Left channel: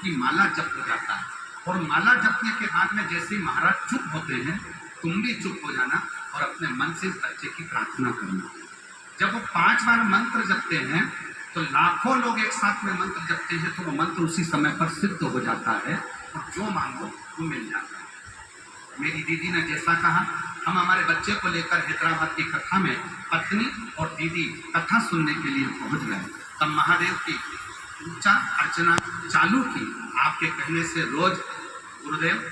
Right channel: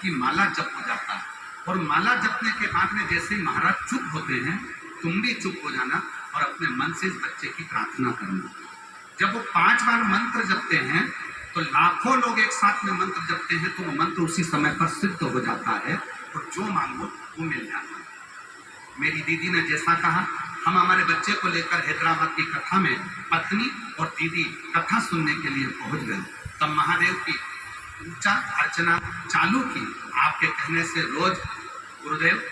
कि माला जप हो जाता है। और माला जपने के बाद में जैसे ही महाराज चुप होते हैं, तुम भी चुप हो जाना और अपने मन से इस बच्चे की प्रार्थना करना। जब वो 5 बार मंत्र जपते हैं तो लाखों लोग एक साथ में मंत्र जपते हैं, तो वो मंत्र उसी समय पर सिद्ध हो जाता है और जो मांगो वो मिल जाता है। मेरी दीदी ने जैसा कहा, हम हमारे बच्चे को लेकर हैदराबाद की कथा में पत्नी और दीदी कथा सुनने के लिए पहुंच गए। तब महादेव की पूजा अर्चना चालू की। आपके कहने से रोज गुरुदेव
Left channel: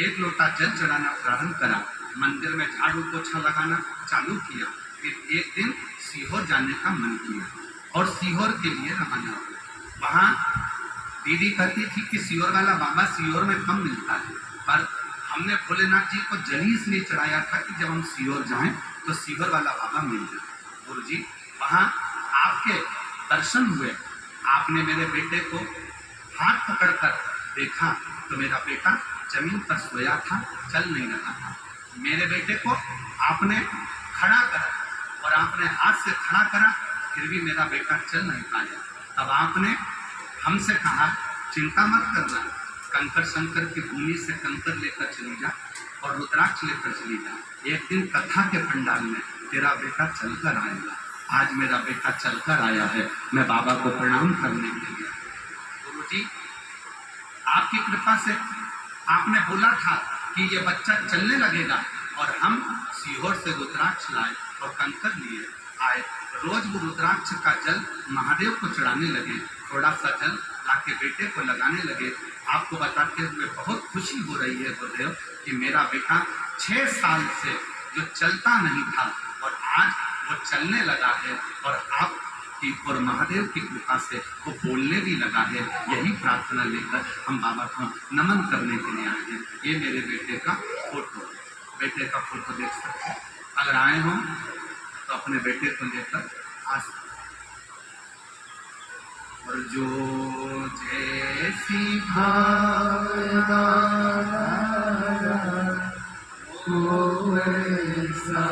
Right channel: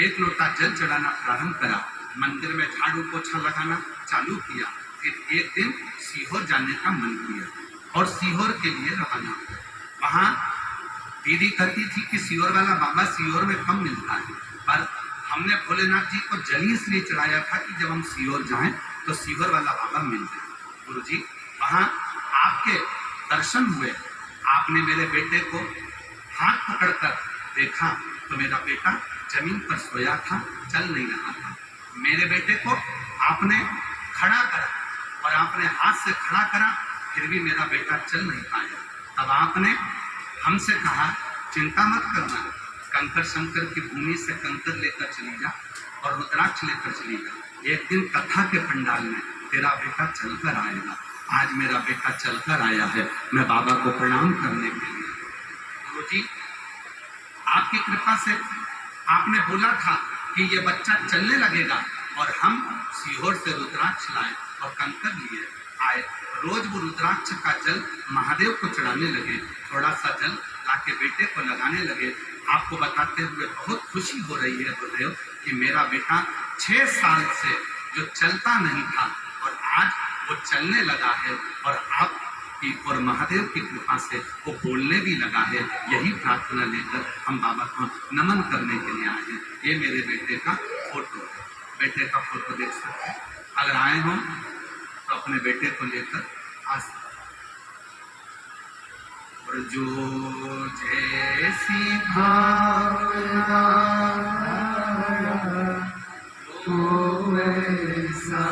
1 लोटा जल चढ़ाना प्रारंभ करा, मंदिर में झाड़ू पोछा लगाना चालू किया। फिर एक दिन सीहोर जाने का मन किया और सीहोर के लिए रवाना हुआ। वहाँ दीदी कहती थी कि सीहोर वाला बाबा सीहोर में कम मिलता है, पर हमने भोलेनाथ जी को जल ही इसलिए चढ़ाया था कि जब हम सीहोर जाएं तो सीहोर वाला बाबा मिल जाए। गुरु जी, वहाँ आपके दर्शन हुए, आपने मेरे बेटे को हाथ पकड़कर देखा तो मेरा बेटा जमीन पर सोया था, चल नहीं रहा था। मेरे बेटे को आपने खड़ा करा और आपने हाथ से खड़ा करा, फिर भी मेरा बेटा चल नहीं पाया। तब आपने हमसे कहा, चिंता मत करना, कंकर शंकर की भूमि से कंकर लेकर चली जा और रुद्राक्ष लेकर चली जा। एक दिन कथा के पंडाल में तेरा बेटा चलकर आएगा। आज मेरा बेटा चलकर आया है, मैं बाबा को प्रणाम करने के लिए। गुरु जी, आपकी कृपा से आपने बोला था कि ये बच्चा चलने लगेगा और हम सीहोर से रुद्राक्ष लाए और कंकर लिए आए। रोज वो रुद्राक्ष का जल महादेव को चढ़ाने लगे, थोड़ा सा जल लाके बेटे को लगाने लगे। आपको बताते हुए बहुत खुशी हो रही है गुरुदेव कि मेरा बेटा 6 साल से जो चलता नहीं था और आज वो चलने लगा है और आपकी और महादेव की कृपा से वो बोलने भी लगा है। यही प्रार्थना लेकर हम बाबा को नमन करने के लिए आए हैं। ये मेरे बेटे का फोटो है, बेटे का फोटो देख सकते हैं। अगर आए हो तो अपने बेटे को लेकर आ सकते। और जो जैसी भावना वो वैसा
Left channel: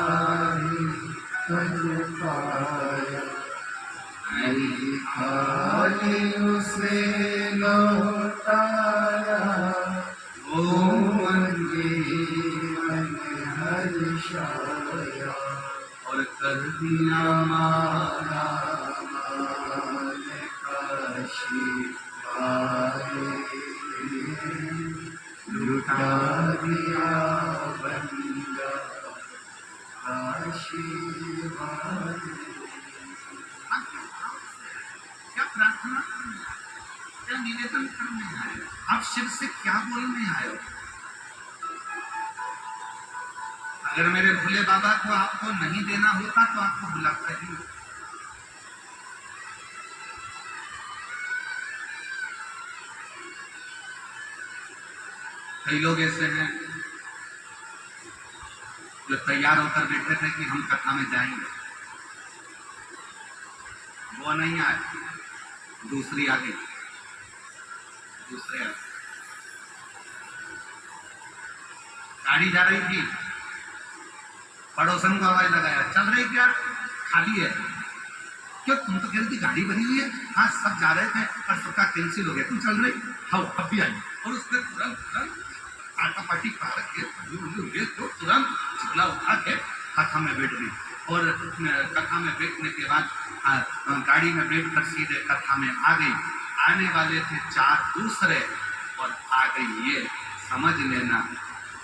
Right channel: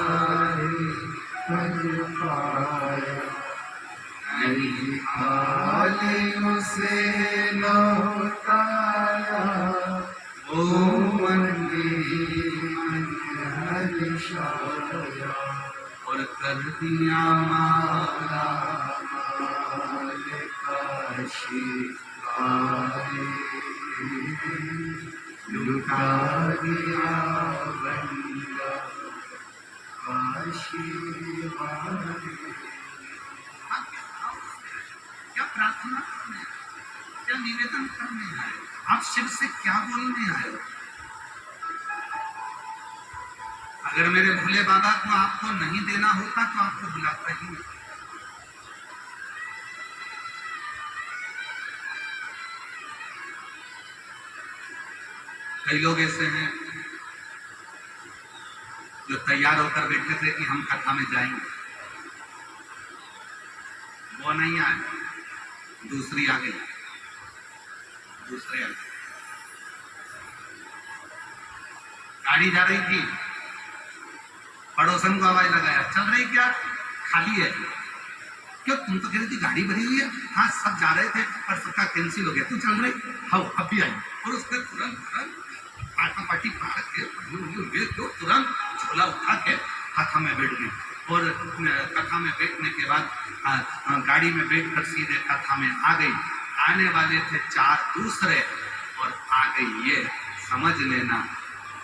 ही कर पाया, नहीं खाली उसे लौटाया, वो मन हर्षाया और कर दिया माला लुटा दिया बंदा आशीर्वाद। क्या प्रार्थना करने आए, क्या निवेदन करने आए, आप शिव से क्या बोलने आए हो? अगर मेरे भोले बाबा को आपको नहीं देना होता तो आपको बुलाता ही नहीं। कई लोग ऐसे हैं जो तैयार होकर बैठे थे कि हम कथा में जाएंगे, वो नहीं आए, दूसरी आ गई, दूसरे आ गए। गाड़ी जा रही थी, पड़ोसन को आवाज लगाया, चल रही क्या, खाली है? क्यों, तुम तो कह रही थी गाड़ी भरी हुई है। हाँ, सब जा रहे थे पर सबका कैंसिल हो गया, तू चल रही? हाँ, अब भी आई। और उसने तुरंत पाटी पार के तुरंत झोला उठा के कथा में बैठ गई। और कथा में बैठने के बाद गाड़ी में बैठकर सीधे कथा में आ गई। आने वाले थे 4 दूसरे और आ गई ये। समझ लेना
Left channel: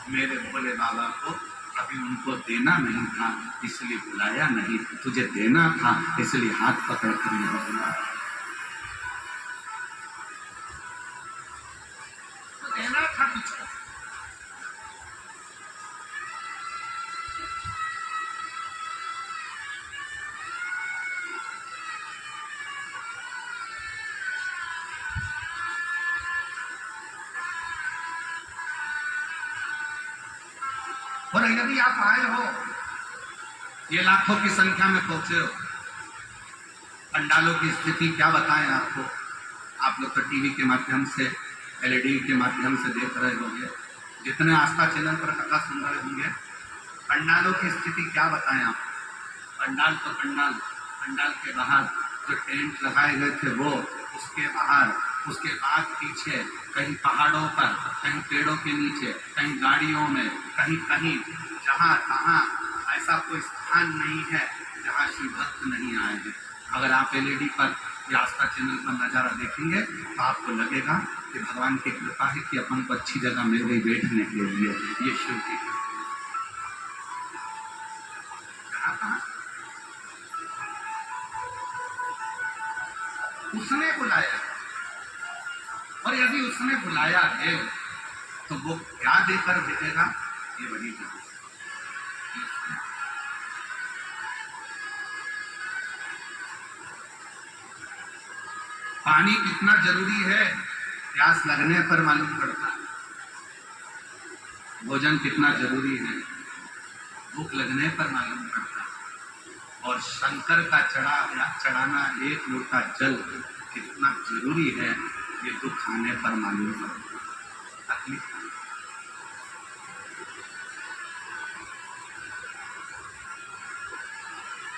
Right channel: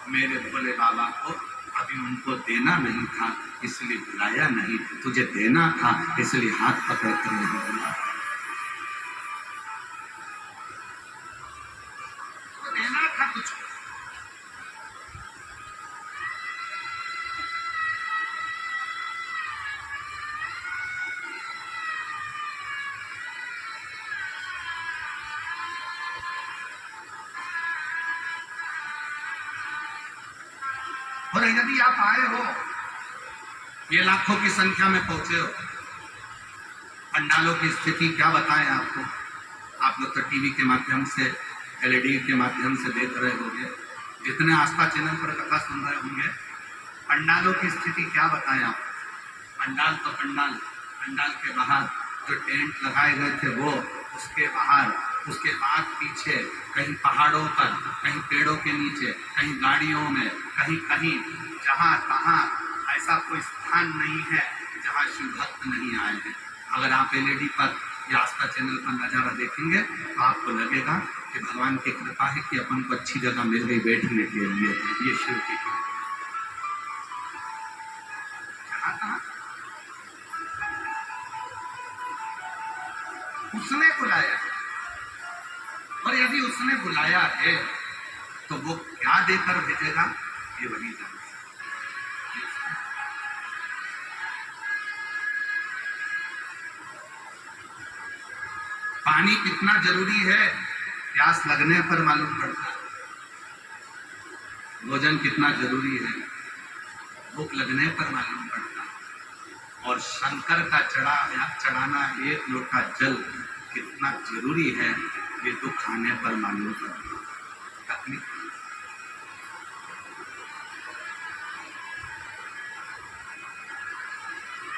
मेरे भोले बाबा को अभी उनको देना नहीं था इसलिए बुलाया नहीं, तुझे देना था इसलिए हाथ पकड़ कर यहाँ बुलाया। तो देना था तुझको। और यदि आप आए हो, ये लाखों की संख्या में पहुंचे हो, पंडालों की स्थिति क्या बताएं आपको। आप लोग तो टीवी के माध्यम से, एलईडी के माध्यम से देख रहे होंगे, जितने आस्था चैनल पर कथा सुन रहे होंगे, पंडालों की स्थिति क्या बताएं आप। पंडाल तो पंडाल, पंडाल के बाहर जो टेंट लगाए गए थे वो, उसके बाहर उसके बाद पीछे कहीं पहाड़ों पर, कहीं पेड़ों के नीचे, कहीं गाड़ियों में, कहीं कहीं, जहाँ तहाँ ऐसा कोई स्थान नहीं है जहाँ शिव भक्त नहीं आए हैं। अगर आप एलईडी पर या आस्था चैनल पर नज़ारा देखेंगे तो आपको लगेगा कि भगवान की कृपा है कि अपन को अच्छी जगह मिल गई बैठने के लिए। ये शिव की कृपा। जहाँ तहाँ उसने बुलाया, और यदि उसने बुलाया है तो वो क्या देकर भेजेगा ये वही जाने। पानी कितना जरूरी है प्यास लगने पर मालूम पड़ता है। भोजन कितना जरूरी है भूख लगने पर मालूम पड़ता है। और शंकर का चढ़ाना एक लोटा जल कितना जरूरी है ये दुख आने पर मालूम पड़ता है। तकलीफ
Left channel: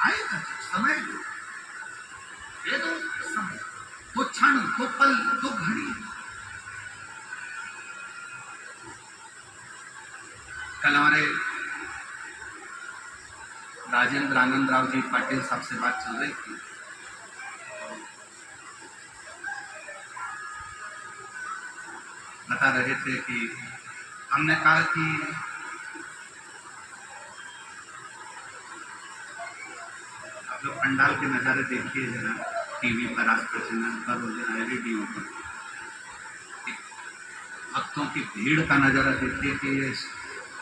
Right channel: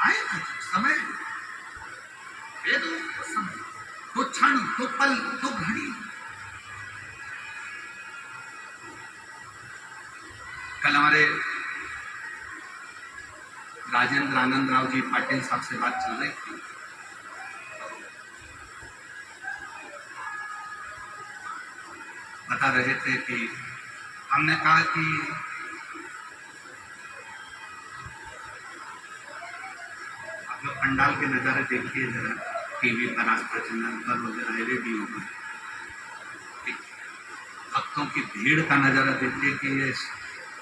आएगा जब समय ये तो समय, तो क्षण, तो पल, तो घड़ी। कल हमारे राजेंद्र आनंद राव जी पाटिल साहब से बात चल रही थी, बता रहे थे कि हमने कहा कि आप लोग पंडाल के नज़ारे देखिए जरा, टीवी पर, आस्था चैनल पर वगैरह, रेडियो पर भक्तों की भीड़ का नज़ारा देखिए कि ये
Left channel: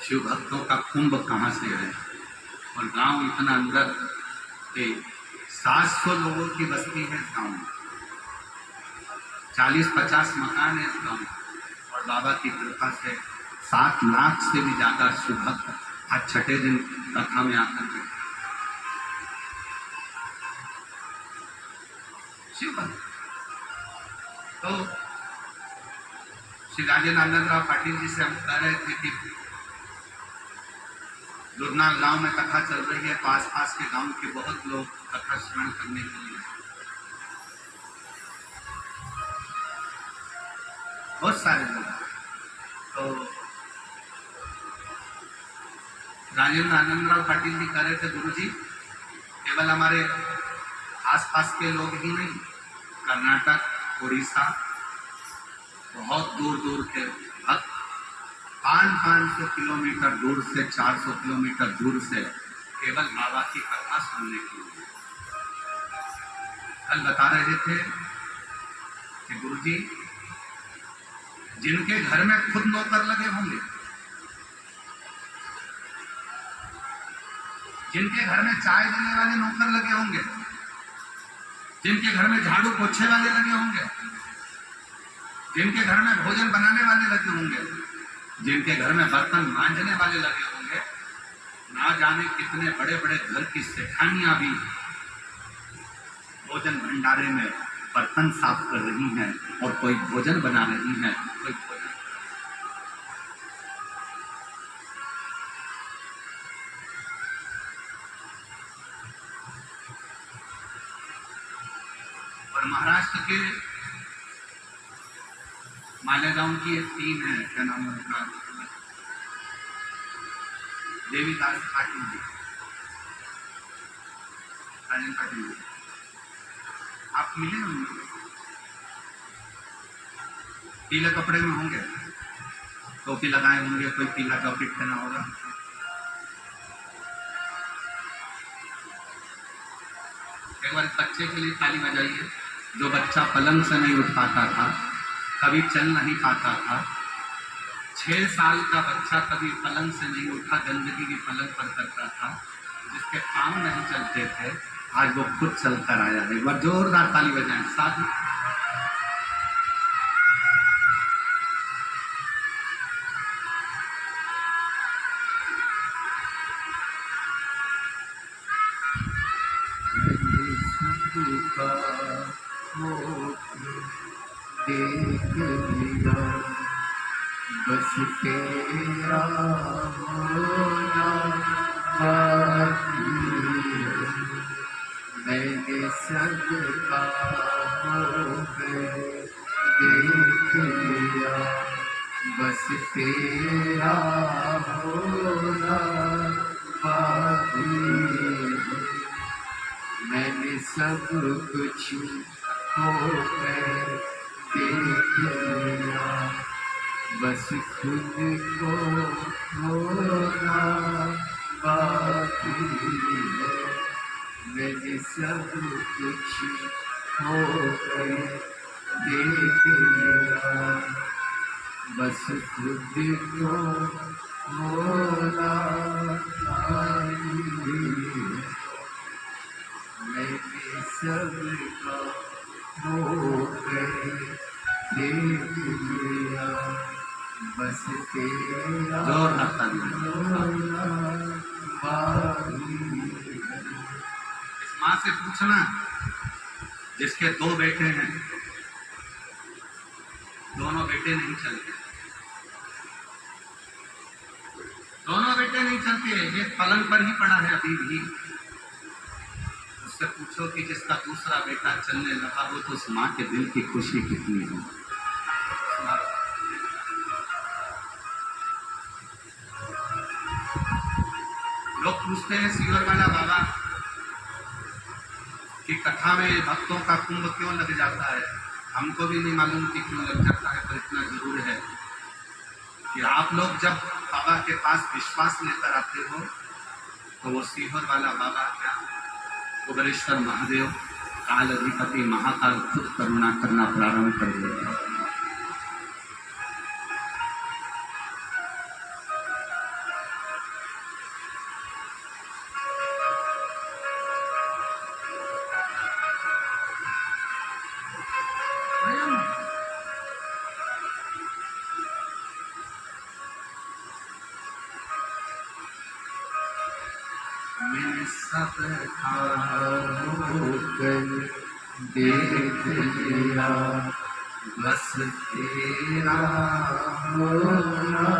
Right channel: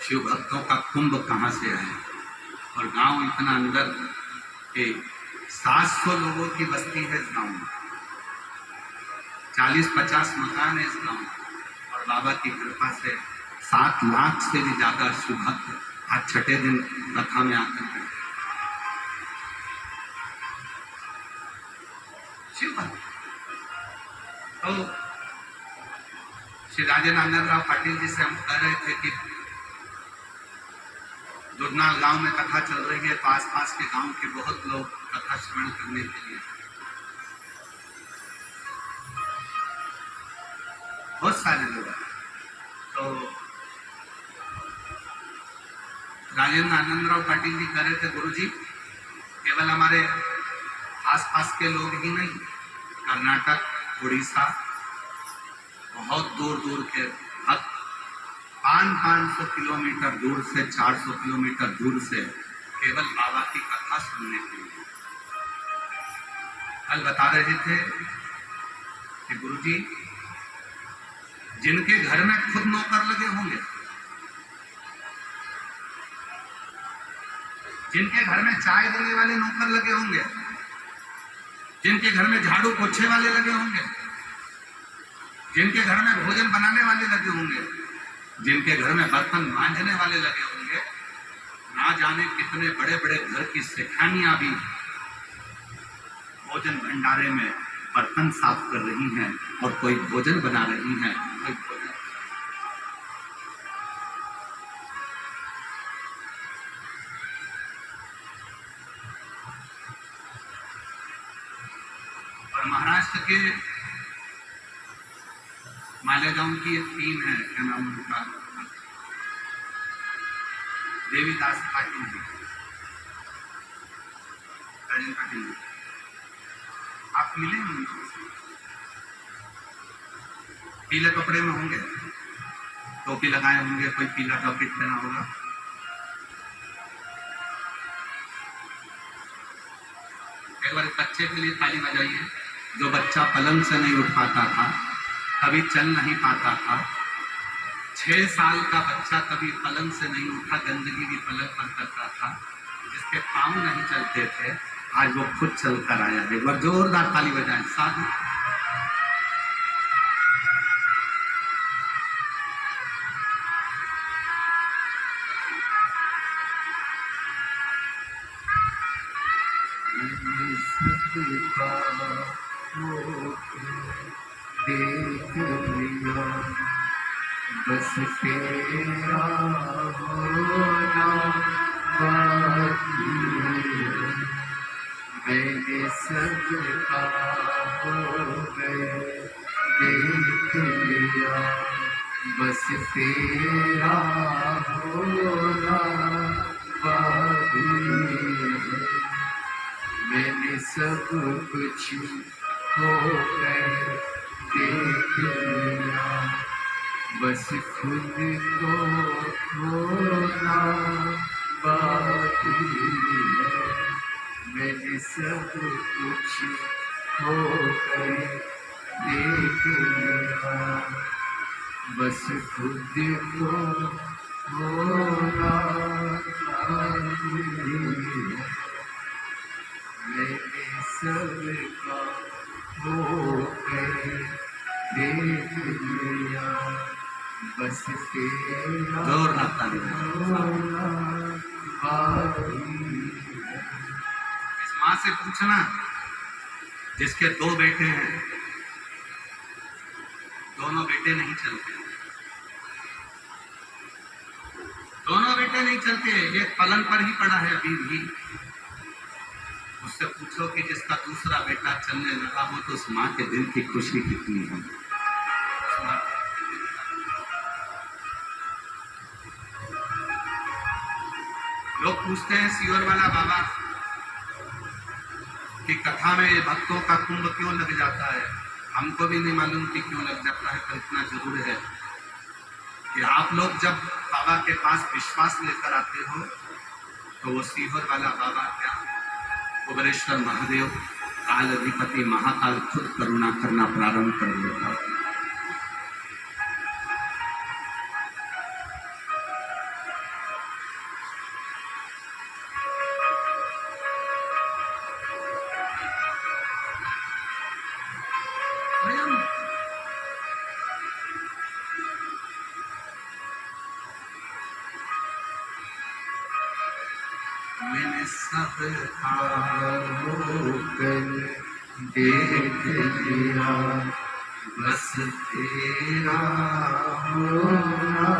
शिव भक्तों का कुंभ कहाँ से है। और गांव इतना अंदर के 700 लोगों की बस्ती है इस गांव में, 40-50 मकान है इस गांव में, और बाबा की कृपा से 7 लाख से भी ज्यादा शिव भक्त आज छठे दिन कथा में आकर बैठे। शिव भक्त तो श्री राजेंद्र आनंद राव पाटिल जी से हम कह रहे थे कि दुर्नाल गांव में कथा चल रही है तो आसपास के गांव के बहुत लोग कथा श्रवण करने के लिए, बहुत सारे लोग। तो राजेंद्र आनंद राव पाटिल जी कह रहे थे गुरुजी केवल हमारे आसपास के लोग ही नहीं, कर्नाटक, उड़ीसा, बहुत दूर दूर के भक्त 500 किलोमीटर दूर से, 400 किलोमीटर दूर से केवल बाबा की कथा सुनने के लिए। कल बता रहे थे कि गुरुजी जिनके घर में खुद नौकर लगे होंगे, जिनके घर में चाय देने वाले नौकर लगे होंगे, जिनके घर में झाड़ू पोछे वाले लगे होंगे, जिनके घर में भोजन बनाने वाले लगे होंगे, जिनके घर में बर्तन मांजने वाले लगे होंगे, ना जाने कितने बड़े बड़े घर की सेठानियां भी भोजन भंडारे में बर्तन साफ कर रही हैं और कोई भोजन बना रही हैं, कोई भोजन। और महाराष्ट्र के मालेगांव की एक टीम है, क्या नाम है उनका, देवीदास पाटिल जी, राजन पाटिल जी, आप मिले होंगे, पीले कपड़े में होंगे, टोपी लगाए होंगे, कोई पीला जैकेट पहना होगा। एक बार बच्चे के लिए ताली बजाइए, जो बच्चा पलंग से नहीं उठ पाता था, कभी चल नहीं पाता था, 6 साल का बच्चा कभी पलंग से नहीं उठा, गंदगी भी पलंग पर करता था, जिसके पांव नहीं चलते थे, आज वो खुद चलकर आया है। एक बार जोरदार ताली बजाएं साधु। देख लिया बस तेरा होना बाकी, मैंने सबका हो गए देख लिया, बस तेरा होना बाकी है। मैंने सब कुछ होकर देख लिया, बस खुद को खोना बाकी है। मैंने सब कुछ होकर देख लिया, बस खुद को खोना बाकी है। मैंने सबका होकर देख लिया, बस तेरा जोर लगता नहीं। होना बाकी है। इस माँ से पूछना जिसके 2 बेटे हैं, दोनों बेटे नहीं चलते, दोनों बेटे नहीं चलते, एक पलंग पर ही पड़ा है अभी भी। उससे पूछो कि जिसका दूसरा बेटा चलने लगा, वो तो उस माँ के दिल की खुशी कितनी है। लोग पूछते हैं सीवर वाला बाबा कि कथा में भक्तों का कुंभ क्यों लग जाता है। हमको भी नहीं मालूम कि क्यों लग जाता है, पर इतना जरूर है कि आप लोग जब बाबा के पास विश्वास लेकर आते हो तो वो सीहोर वाला बाबा क्या, कुबेरेश्वर महादेव, काल अधिपति महाकाल खुद करुणा करना प्रारंभ कर देता है। मैंने सब होकर देख लिया, बस तेरा होना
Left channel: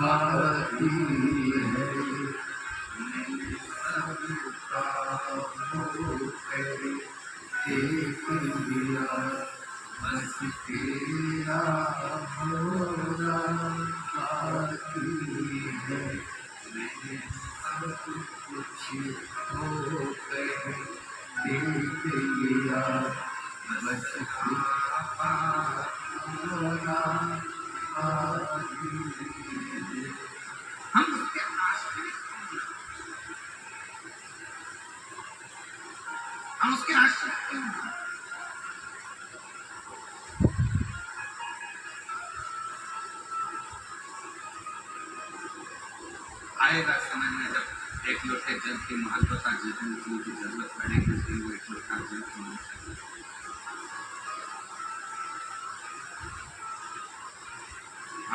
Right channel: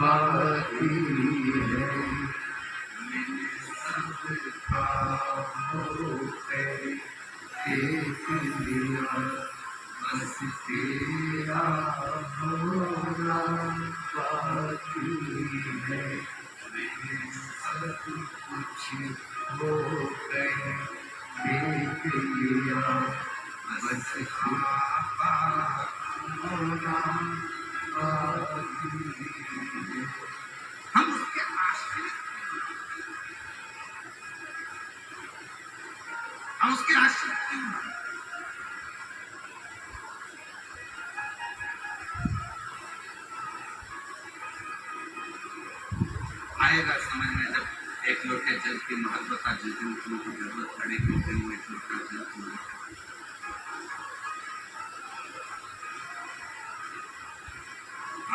बाकी है। मैंने सबका होकर देख लिया, बस तेरा होना बाकी है। मैंने सब कुछ होकर देख लिया, बस आपा होना बाकी है। हम उसके आश्रित, हम उसके आश्रित क्यों हैं? आएगा समय में जब एक लोटे जल की महत्वता जिस दिन की जरूरत पड़ेगी, उस दिन वो एक लोटा जल होना चाहिए।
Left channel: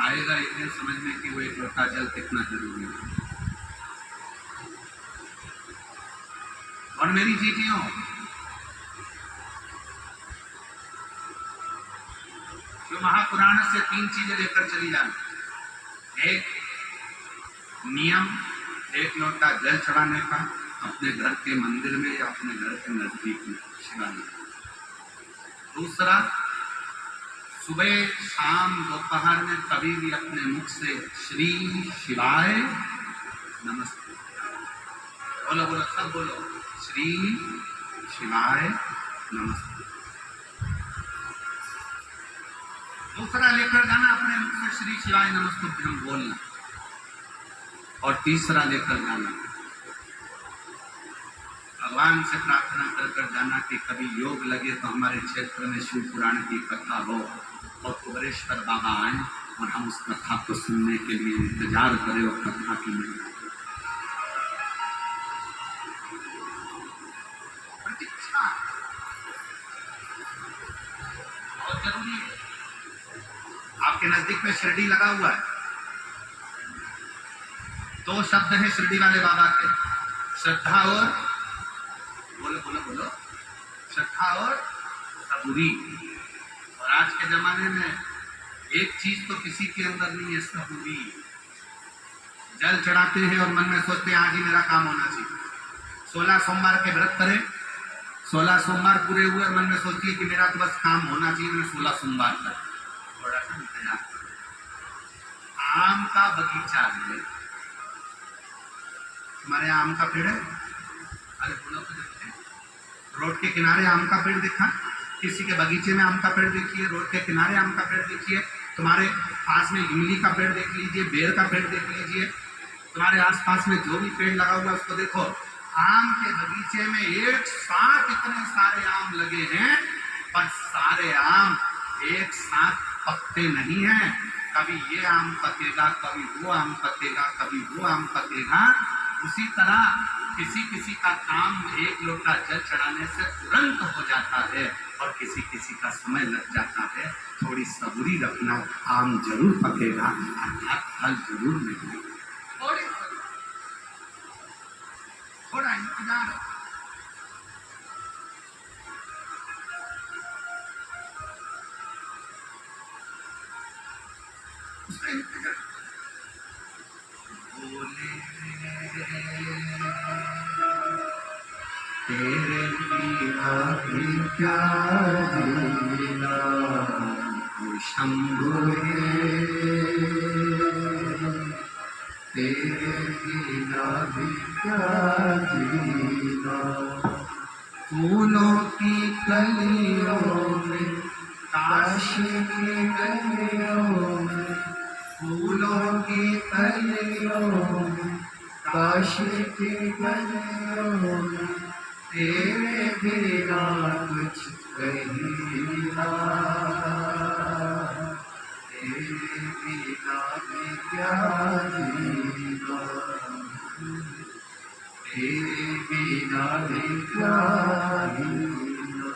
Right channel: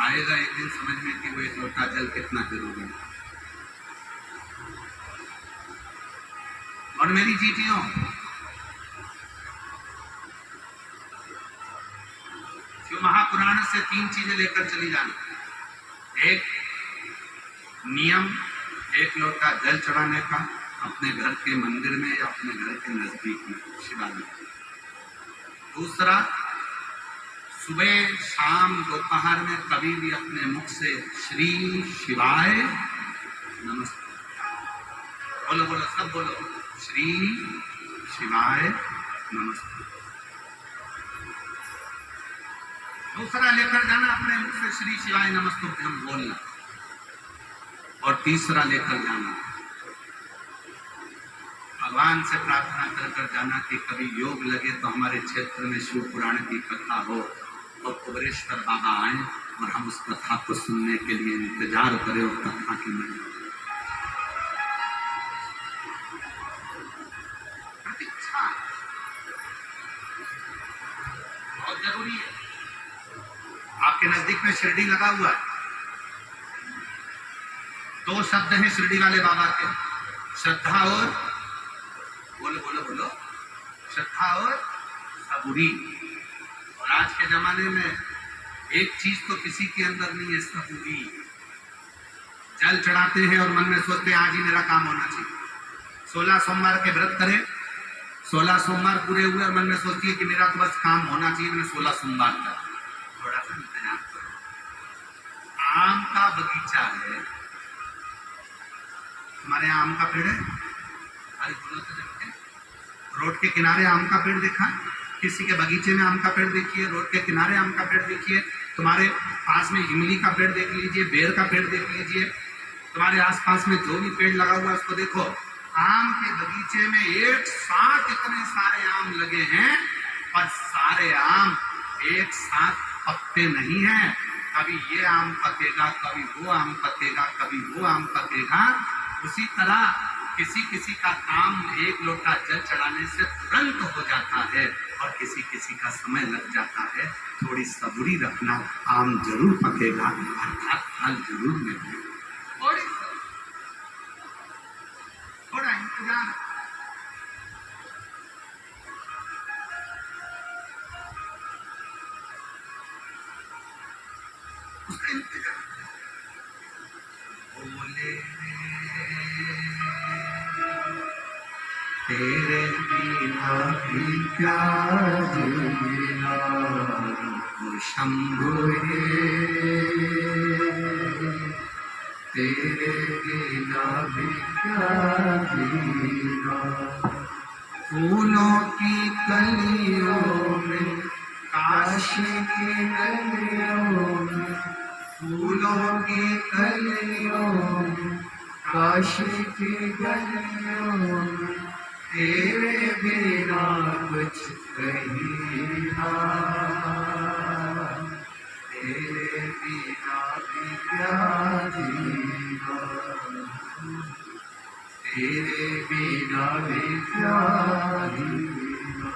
आएगा एक दिन समझ में कि वो एक लोटा जल कितना जरूरी है। और मेरी जीतियों, जो महापुराण से 3 चीजें लेकर चली जाना। एक नियम, एक लोटा जल चढ़ाने का अपने घर के मंदिर में या अपने घर के नजदीक में शिवालय। दूसरा, सुबह शाम दोपहर में कभी भी अपने मुख से श्री शिवाय नमस्ते बोलो, बोलो सब बोलो, श्री शिवाय नमस्ते। दूसरा लेकर जाना अपने मुख से श्री शिवाय नमस्तुभ्यम बोलना। और तीसरा लेकर जाना, भगवान से प्रार्थना कर कर जाना कि कभी योग लगे तो हमारे क्षेत्र में शिव पुराण की कथा हो और कुबेरेश्वर बाबा आए और हम उस कथा को सुनने के लिए इंतजार करें और कथा की महिमा प्रतीक्षा बहुत जरूरी है। आपके नजदीक में शिरडी लगा हुआ है, 2 शब्द हैं शिरडी वाले बाबा के, श्रद्धा और बोलो बोलो बोलो, श्रद्धा और सबूरी। और आज के जमाने में एक चीज तो किसी के अंदर नहीं है, सबूरी। जल चढ़ाते हैं और मन में सोचते हैं आज ही मेरा काम होना चाहिए। 16 सोमवार के व्रत करें, 16 सोमवार पूरे हुए, मन में सोचती है कि मेरा तो बस काम होना चाहिए, मैंने 16 सोमवार कर। थोड़ा सा इंतजार करो। आम का बगीचा है, हमारे यहाँ आम का पेड़ है, अरे बोलो तो देखते, रोड के किनारे आम का पेड़ देखा, किसी के बगीचे में आम का पेड़ देखिए, रोड के किनारे आम का पेड़ देखिए, तुम्हारे पास में इमली का पेड़ देख लीजिए, बेर का पेड़ देख लीजिए, तुम्हारे आसपास में जो भी पेड़ लगा हुआ है उसको देखो। आम के बगीचे में एक साथ इतने सारे आम लगे हैं, पर सारे आम एक साथ पकते नहीं हैं। कभी ये आम पकेगा, कभी वो आम पकेगा, कभी वो आम पकेगा। उसी तरह किसी किसी का काम एक लोटा जल चढ़ाने से तुरंत हो जाता है, और किसी किसी का समय लग जाता है। थोड़ी सबूरी रखना, आम जरूर पकेगा, अर्थात फल जरूर मिलेगा। थोड़ा इंतजार, उसका इंतजार। बोले तेरे बिना भी क्या जीना, वो शंभु तेरे बिना भी क्या जीना। फूलों की कलियों में, काशी काशी की गलियों में, फूलों की कलियों में, काशी की गलियों में, तेरे बिना कुछ कहीं ना, तेरे बिना भी क्या जीना, तेरे बिना भी क्या जीना।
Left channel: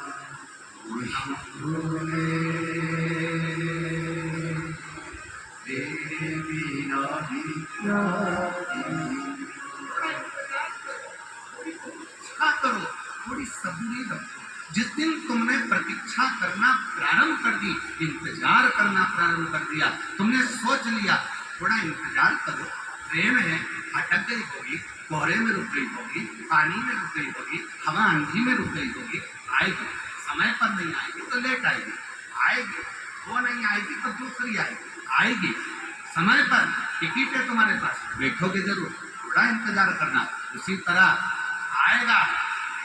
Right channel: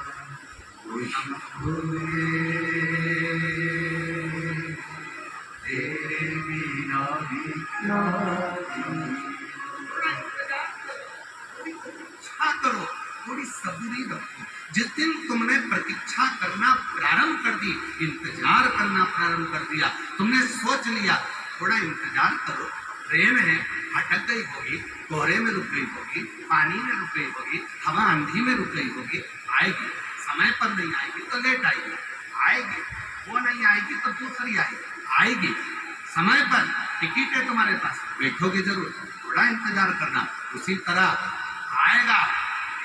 खुशबुए तेरे बिना भी क्या प्रतीक्षा करो, थोड़ी सबूरी रखो। जिस दिन तुमने प्रतीक्षा करना प्रारंभ कर दी, इंतजार करना प्रारंभ कर दिया, तुमने सोच लिया थोड़ा इंतजार करो, ट्रेन है अटक गई होगी, कोहरे में रुक गई होगी, पानी में रुक गई होगी, हवा आंधी में रुक गई होगी, आएगी। समय पर नहीं आएगी तो लेट आएगी, आएगी। वो नहीं आएगी तो दूसरी आएगी। समय पर टिकट है तुम्हारे पास, बैठोगे जरूर, थोड़ा इंतजार करना। उसी तरह आएगा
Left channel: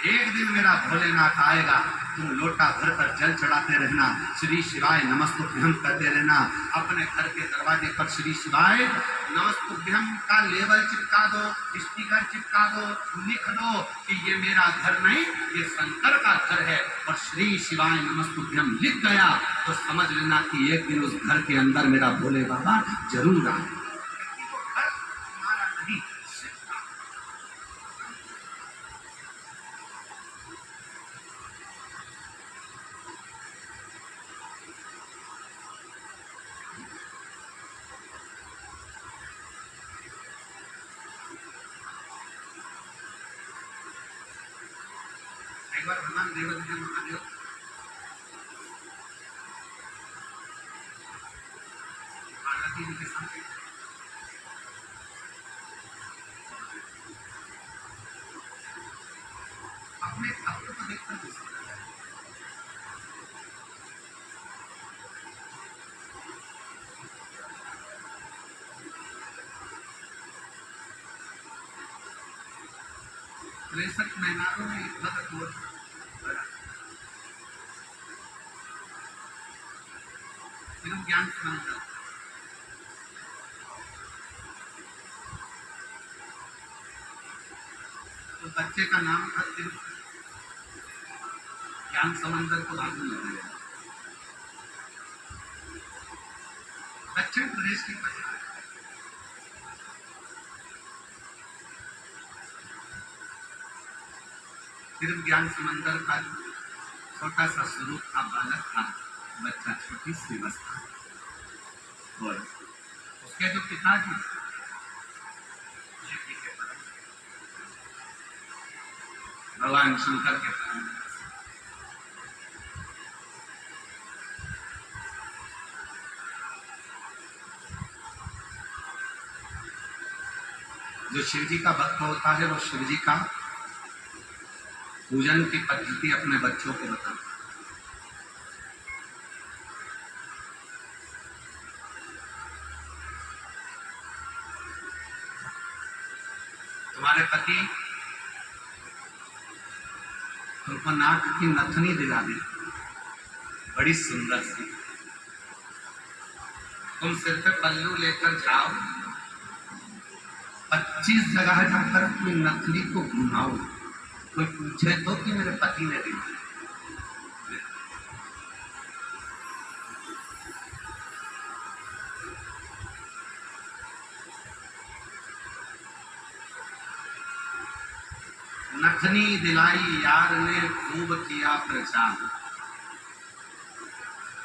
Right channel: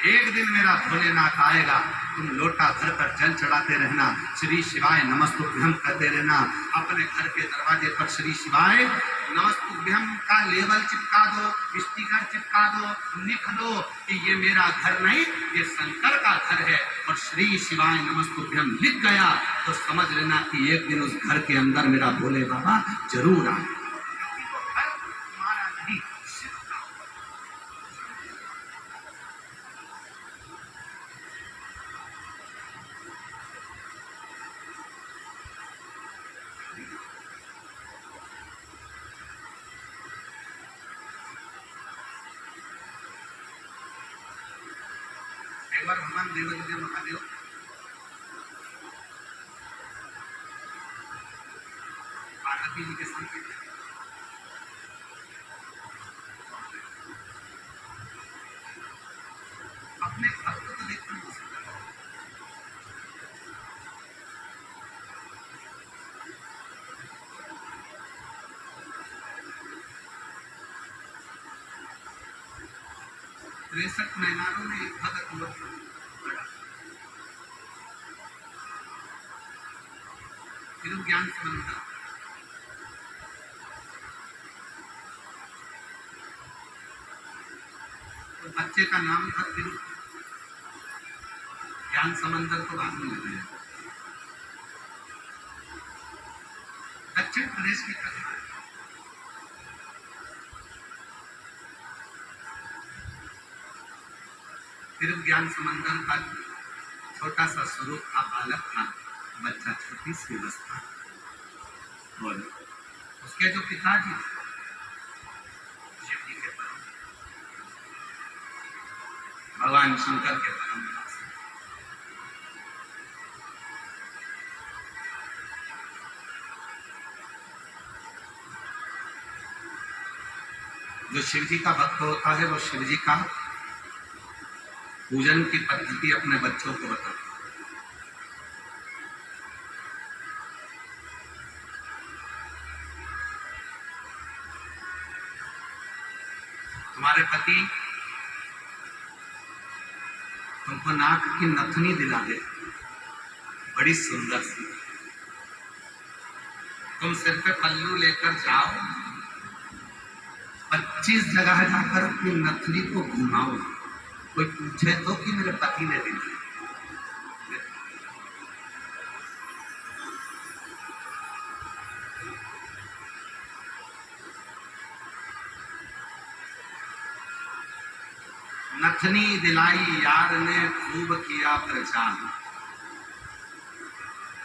एक दिन, मेरा भोलेनाथ आएगा, तुम लोटा भर कर जल चढ़ाते रहना, श्री शिवाय नमस्तुभ्यम कहते रहना। अपने घर के दरवाजे पर श्री शिवाय नमस्तुभ्यम का लेबल चिपका दो, स्टिकर चिपका दो, लिख दो कि ये मेरा घर नहीं, ये शंकर का घर है। और श्री शिवाय नमस्तुभ्यम लिख गया तो समझ लेना कि एक दिन उस घर के अंदर मेरा भोले बाबा जरूर आए। घर तुम्हारा नहीं, शिव का। एक बार भगवान देवकी के महादेव पार्वती जी के सामने अपने भक्त को देखकर मुस्कुराए। तिरसठ महीनों में एक भक्त हुआ बड़ा, फिर ज्ञान समंदर, तो बच्चे का नाम था फिर ज्ञान समंदर को बाद में लगाया। दक्षिण प्रदेश की कथा है। फिर ज्ञान समंदर का छोटा सा स्वरूप का बालक था, बच्चा छोटी सी अवस्था, और उसके जो पिताजी शिव जी के परम, भगवान शंकर के परम, जो शिव जी का भक्त होता है वो शिव जी का पूजन की पद्धति अपने बच्चों को बता। तुम्हारे पति तुमको नाक की नथनी दिला दे, बड़ी सुंदर सी, तुम सिर पे पल्लू लेकर जाओ, 25 जगह जाकर अपनी नथनी को घुमाओ, कोई पूछे तो कि मेरे पति ने दिला। नथनी दिलाई यार ने खूब किया प्रचार।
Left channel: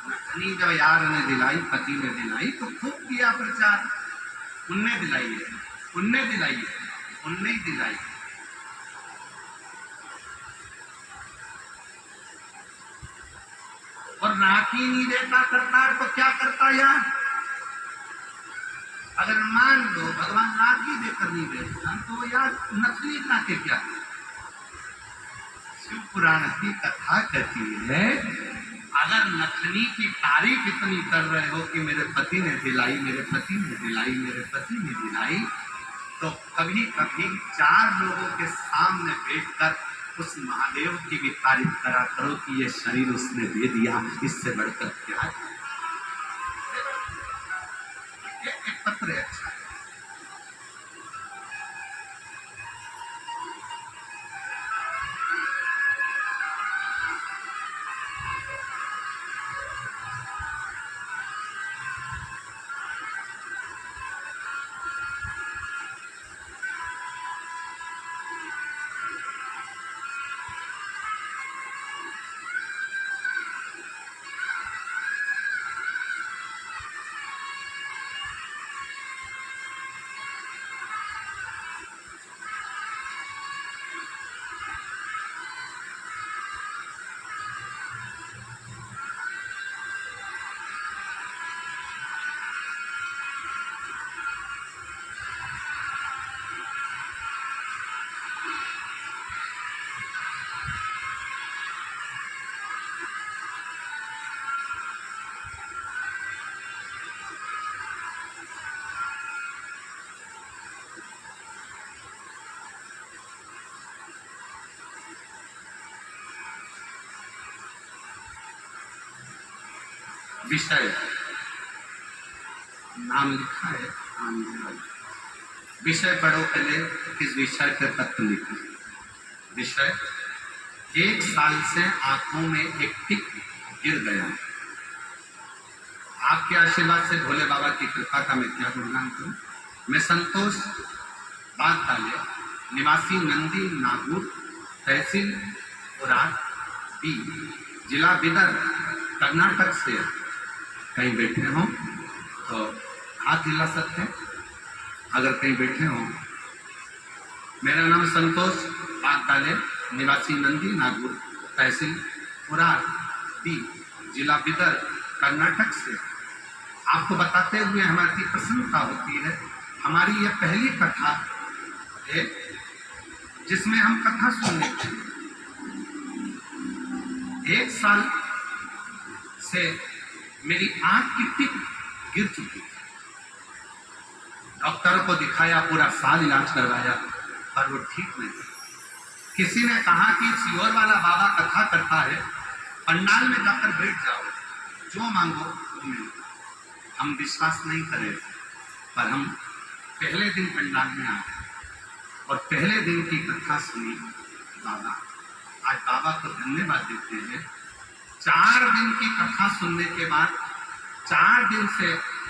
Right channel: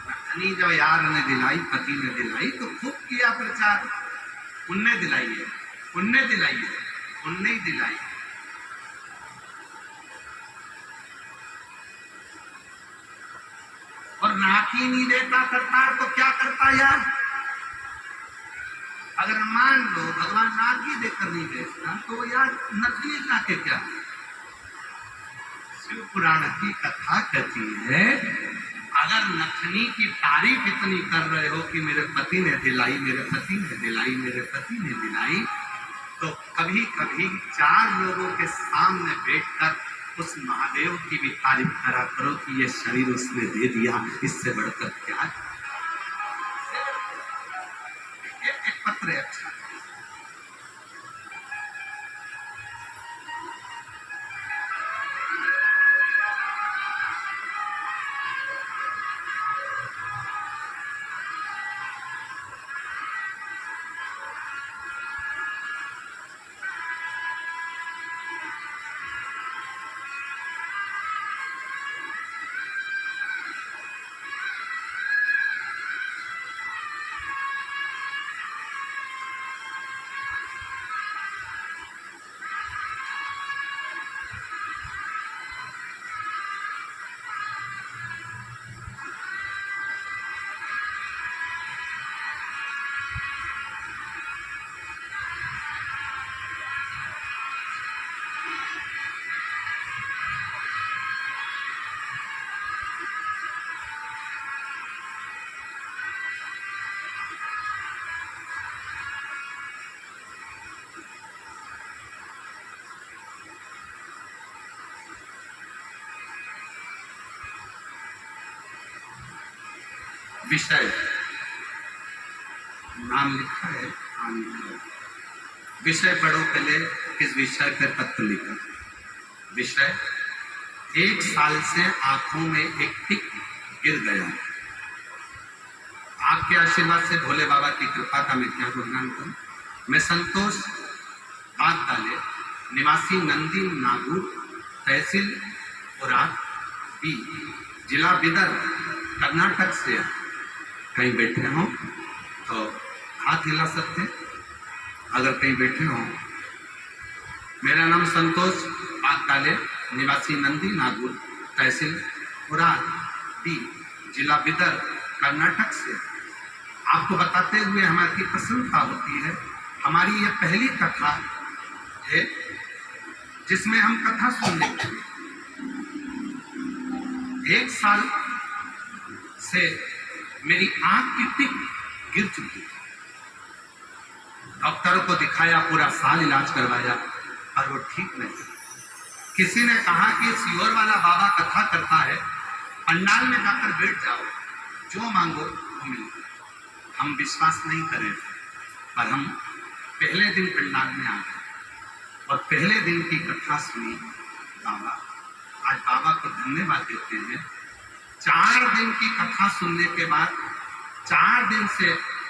नथनी जब यार ने दिलाई, पति ने दिलाई, तो खूब किया प्रचार। उनने दिलाई है, उनने दिलाई है, उनने ही दिलाई। और नाक ही नहीं देता करतार तो क्या करता यार? अगर मान लो भगवान नाक ही देकर नहीं भेजता तो यार नथनी लाके क्या? शिव पुराण की कथा कहती है, अगर नथनी की तारीफ इतनी कर रहे हो कि मेरे पति ने दिलाई, मेरे पति ने दिलाई, मेरे पति ने दिलाई, तो कभी कभी 4 लोगों के सामने बैठकर उस महादेव की भी तारीफ करा करो कि ये शरीर उसने दे दिया, इससे बढ़कर क्या? एक पत्र है अच्छा। विषय नाम लिखा है, विषय पढ़ो पहले, किस विषय पे पत्र लिखा। विषय, 1 साल से आंखों में एक टिक गिर गया। आपके आशीर्वाद से भोले बाबा की कृपा का मैं क्या गुणगान करूं। मैं संतोष बागताले, निवासी नंदी नागुर, तहसील उराद बी, जिला बिदर, कर्नाटक से कहीं बैठे हो तो हाथ हिला सकते हैं, अगर कहीं बैठे हो। मेरा नाम संतोष बागताले, निवासी नंदी नागुर, तहसील उराद बी, जिला बिदर, कर्नाटक से आपको बताते हुए हमारी प्रसन्नता होती है। हमारी यह पहली कथा है जिसमें हम कथा सुनने के लिए 1 साल से मेरी आंख की टिक गिर चुकी थी। डॉक्टरों को दिखाया, पूरा साल इलाज करवाया, पर वो ठीक नहीं। किसी ने कहा कि सियोर वाला बाबा कथा करता है, पंडाल में जाकर बैठ जाओ, जो मांगो वो मिलेगा। हम विश्वास नहीं करें, पर हम पहले दिन पंडाल में आ गए और पहले दिन की कथा सुनी। बाबा, आज बाबा को धन्यवाद देते हैं। 4 दिन की कथा सुनने के बाद 4 दिन से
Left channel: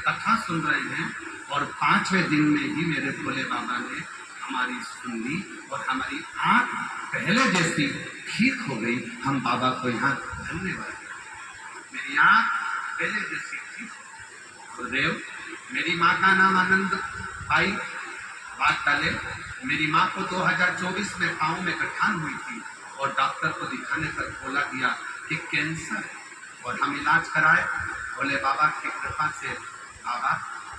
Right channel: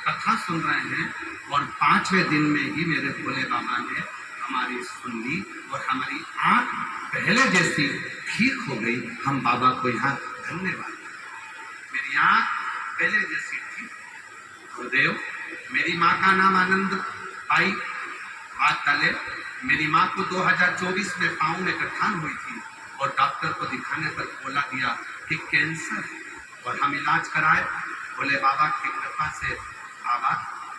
कथा सुन रहे हैं और 5वें दिन में ही मेरे भोले बाबा ने हमारी सुन ली और हमारी आंख पहले जैसी ठीक हो गई। हम बाबा को यहाँ धन्यवाद। मेरी आंख पहले जैसी ठीक हो। गुरुदेव, मेरी माँ का नाम आनंद आई बागताले। मेरी माँ को 2024 में पाँव में गठान हुई थी और डॉक्टर को दिखाने पर बोला दिया कि कैंसर है, और हम इलाज कराए भोले बाबा की कृपा से। बाबा,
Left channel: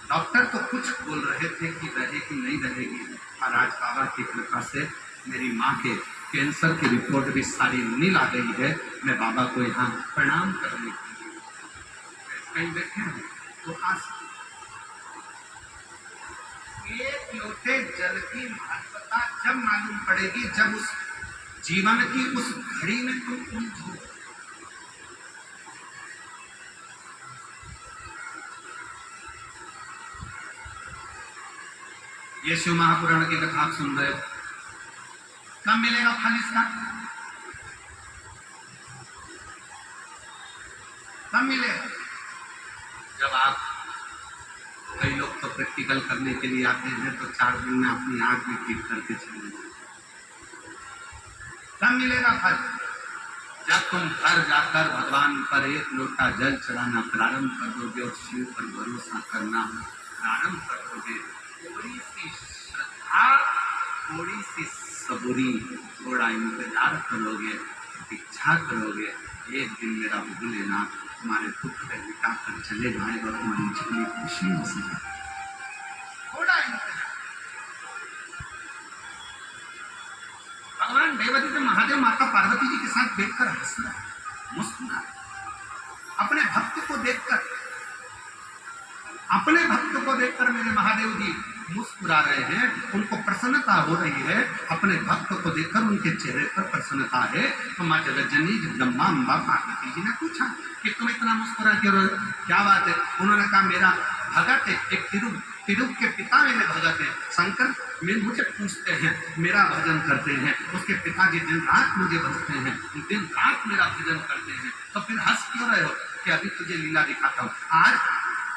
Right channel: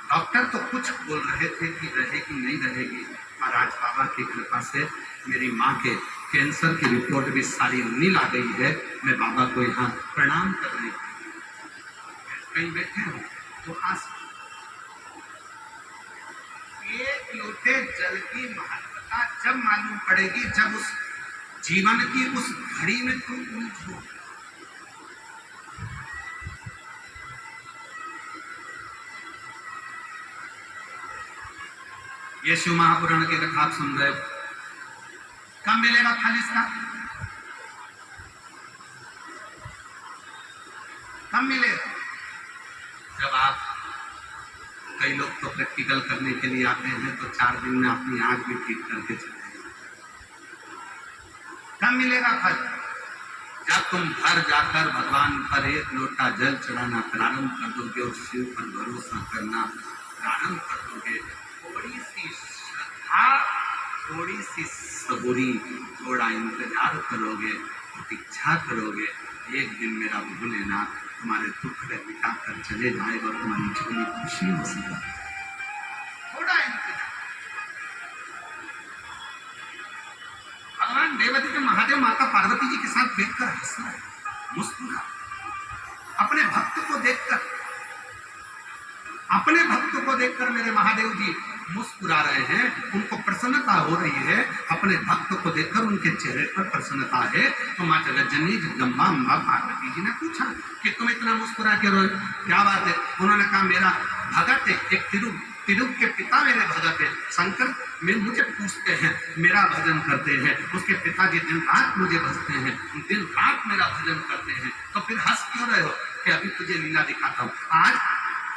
डॉक्टर तो कुछ बोल रहे थे कि रहेगी नहीं रहेगी, पर आज बाबा की कृपा से मेरी माँ के कैंसर की रिपोर्ट भी सारी नील आ गई है। मैं बाबा को यहाँ प्रणाम करने कहीं बैठे हैं तो आज एक लोटे जल की महत्वता जब मालूम पड़ेगी, जब उस जीवन की उस घड़ी में तुम उलझो। ये शिव महापुराण की कथा आप सुन रहे हो, कब मिलेगा फल इसका? कब मिलेगा? जब आप, कई लोग तो प्रैक्टिकल करने के लिए आते हैं तो 4 दिन में अपनी आंख भी ठीक करके चले जाते। कब मिलेगा फल? जब तुम घर जाकर भगवान पर एक लोटा जल चढ़ाना प्रारंभ कर दोगे और शिव पर भरोसा करना प्रारंभ कर दोगे, थोड़ी सी श्रद्धा, थोड़ी सी सबूरी, थोड़ा इंतजार करोगे, प्रतीक्षा करोगे, एक दिन मेरा भोलेनाथ तुम्हारे दुख को मिटा कर चले जाएगा और तुम्हारी जीवन खुशी हो सकेगा। थोड़ा इंतजार। भगवान देवती महादेव माता पार्वती जी के साथ बैठकर हंस रहा है, मुस्कुरा, अपने भक्त को देखकर, अपने भक्त को देखकर मेरे महादेव जी मुस्कुरा रहे हैं, उनको प्रसन्नता हो रही है। अपने भक्त को देखकर उनके चेहरे पर प्रसन्नता है। तो माँ जगज्जननी जगदम्बा अम्बा पार्वती जी ने पूछा कि तुम इतना मुस्कुरा क्यों रहे हो, क्या बात है? उन्होंने कहा मेरा भगत है, एक तिरुप के पिता मेरे भगत है, शंकर मुझे पूछते हैं, मेरा भजन करते हैं, उसके पिताजी दिन रात मुझे भजते हैं, दिन रात मेरा भजन करते हैं, तो फिर हंस क्यों रहे हो? कि अभी तुझे लीला दिखाता हूँ। आज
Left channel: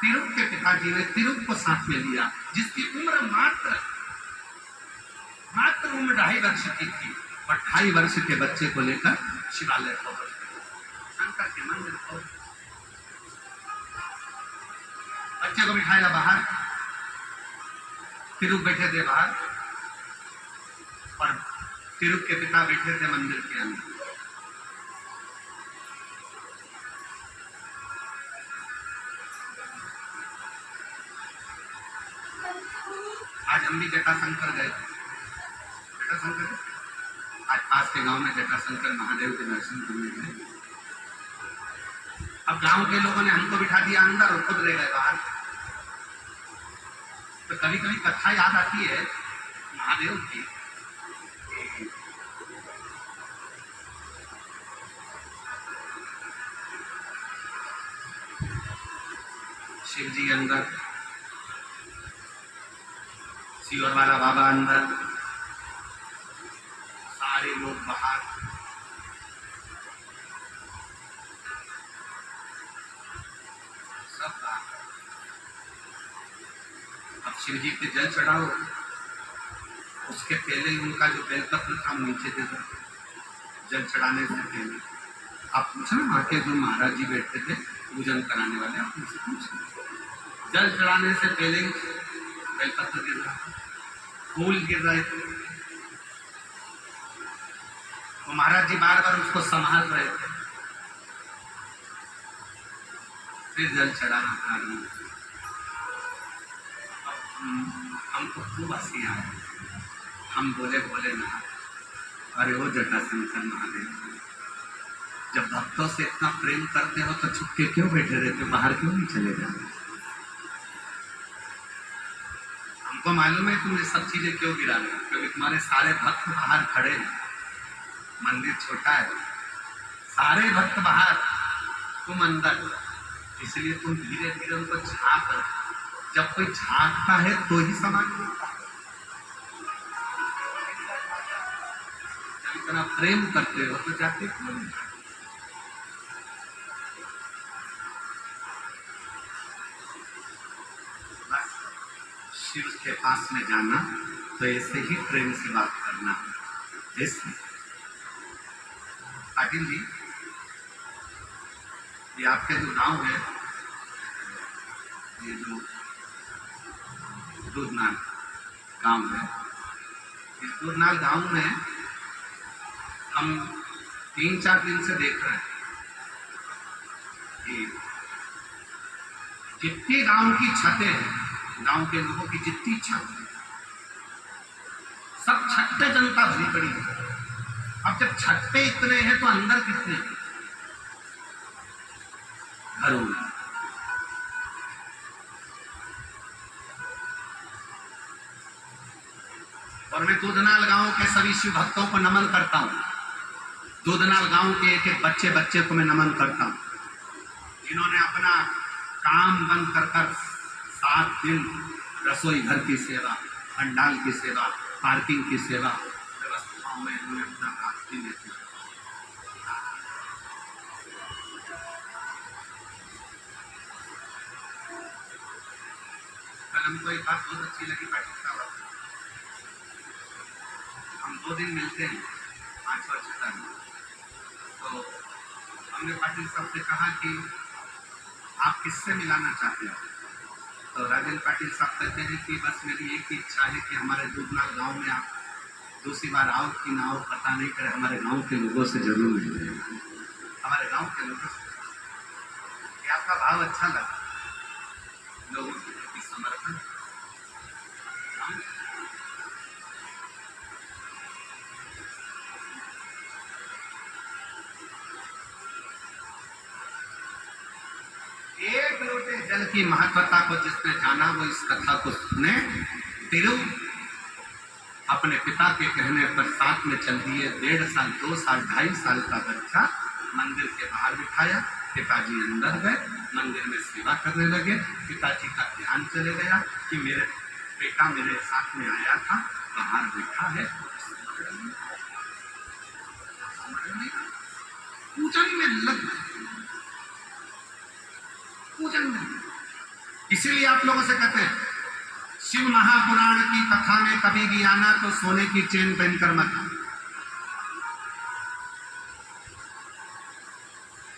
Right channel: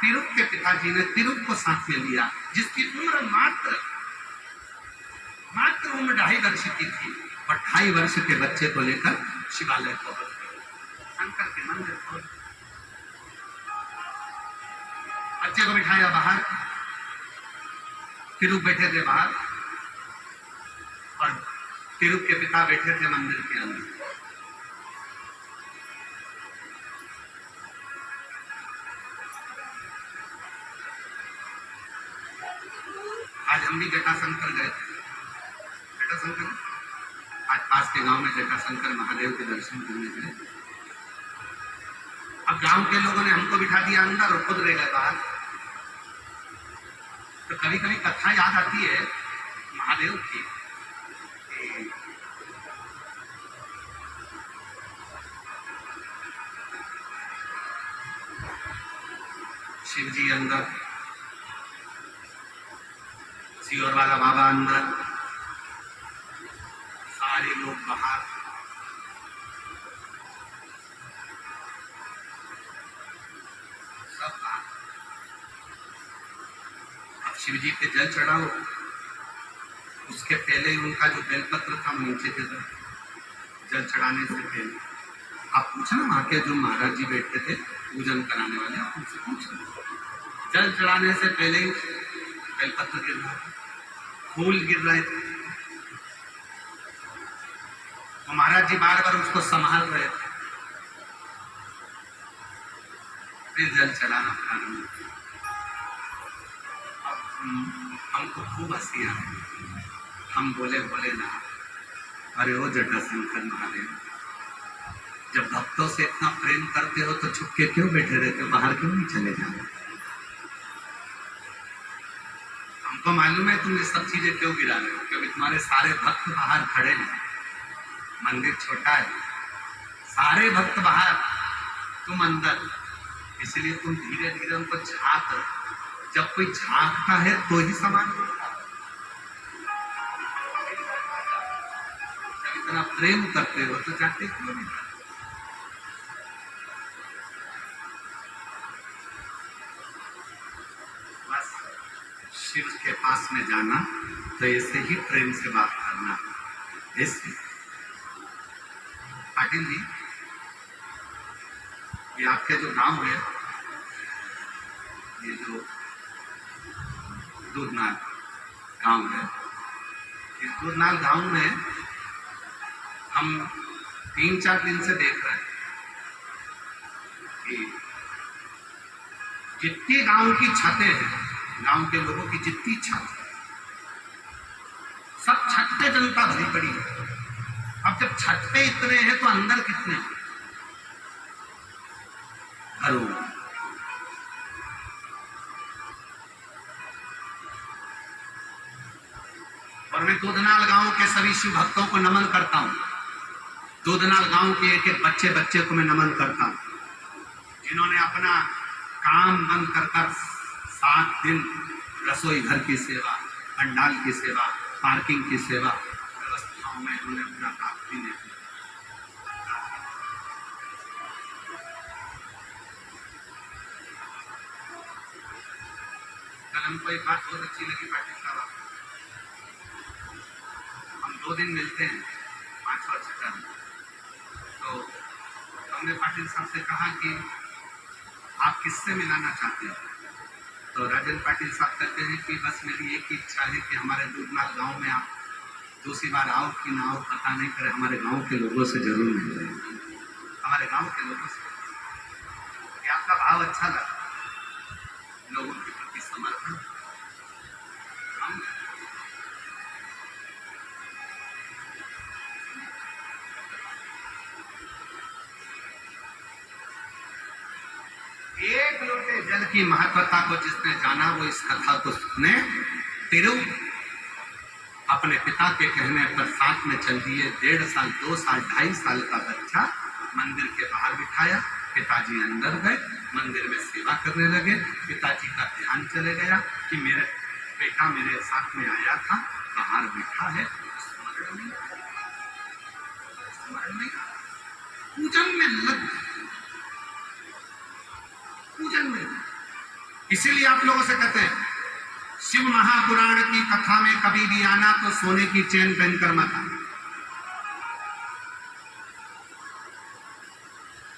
तिरुप के पिताजी ने तिरुप को साथ में लिया, जिसकी उम्र मात्र उम्र 2.5 वर्ष की थी, और 2.5 वर्ष के बच्चे को लेकर शिवालय पहुंच गए, शंकर के मंदिर पहुंच। बच्चे को बिठाया बाहर, तिरुप बैठे थे बाहर और तिरुप के पिता बैठे थे मंदिर के अंदर। आज हम भी जटाशंकर गए थे। जटाशंकर आज पास के गांव में जटाशंकर महादेव के दर्शन करने गए। अब गांव के लोगों ने हमको बिठा दिया अंदर और खुद रह गए बाहर। तो कभी कभी कथा याद आती है महादेव की। शिव जी अंदर, सीवर वाला बाबा अंदर, सारे लोग बाहर। सब बाहर। अब शिव जी पे जल चढ़ाओ, उसके पहले ही उनका जो बेलपत्र था नीचे दे दो, जल चढ़ाने से पहले। आप पूछना वहां के जो महाराज जी बैठते थे पूजन कराने वाले, आप उनसे पूछना। जल चढ़ाने से पहले ही बेलपत्र गिर रहा था, फूल गिर रहे थे, तो महाराज जी बार बार उसको संभाल रहे थे। फिर जल चढ़ाना प्रारंभ। हमको खूब हंसी आए, हम बोले भोलेनाथ, अरे ओ जटाशंकर महादेव, जब भक्तों से इतना प्रेम करते हो तो छुप के क्यों बैठे रहते हो, बाहर क्यों नहीं चले जाते? हमको मालूम है तुम ये सब चीजें क्यों गिरा रहे हो, क्योंकि तुम्हारे सारे भक्त बाहर खड़े हैं, मंदिर छोटा है, सारे भक्त बाहर, तुम अंदर, इसलिए तुम धीरे धीरे उनको झांक रहे। जब कोई झांकता है तो ही सामान मिलता है। जब इतना प्रेम करते हो तो जाते क्यों नहीं? बस शिव के पास में जाना तो ऐसे ही प्रेम से बात करना। ऐसे पाटिल जी, ये आपके जो गांव है, ये जो दूधनाल गांव है, इस दूधनाल गांव में हम 3-4 दिन से देख रहे हैं कि जितनी गांव की छतें हैं, गांव के लोगों की जितनी छत है, सब छत पे जनता भरी पड़ी है। अब जब छत पे इतने हैं तो अंदर कितने घरों में? और मैं दूधनाल गांव के सभी शिव भक्तों को नमन करता हूं। दूधनाल गांव के एक एक बच्चे बच्चे को मैं नमन करता हूं, जिन्होंने अपना काम बंद कर कर 7 दिन रसोई घर की सेवा, पंडाल की सेवा, पार्किंग की सेवा व्यवस्थाओं में इन्होंने अपना हाथ भी नहीं दिया। कल हमको एक बात बहुत अच्छी लगी पाटिल साहब, हम 2 दिन मिलते हैं 5 और 6 में, तो हमने पाटिल साहब से कहा कि आप किससे मिलाना चाहते हैं? तो राजेंद्र पाटिल साहब कहते हैं कि बस मेरी एक ही इच्छा है कि हमारे दूधनाल गांव में आप दूसरी बार आओ कि ना आओ पता नहीं करे, हमारे गांव के लोगों से जरूर मिले, हमारे गांव के लोगों से। कि आपका भाव अच्छा लगा, लोगों के प्रति समर्पण। हम एक लोटे जल की महत्वता को जिसने जाना वो इस कथा को सुने। तिरु अपने पिता के कहने पर साथ में चल दिए। 1.5 साल 2 साल 2.5 साल का बच्चा मंदिर के बाहर बिठाया, पिताजी अंदर गए, मंदिर में सेवा करने लगे। पिताजी का ध्यान चले गया कि मेरे बेटा मेरे साथ में आया था, बाहर बैठा है, स्मरण नहीं, स्मरण नहीं। पूजन में लग गए, पूजन में। इसीलिए आप लोगों से कहते हैं शिव महापुराण की कथा में कभी भी आना तो सोने की चेन पहनकर मत आना,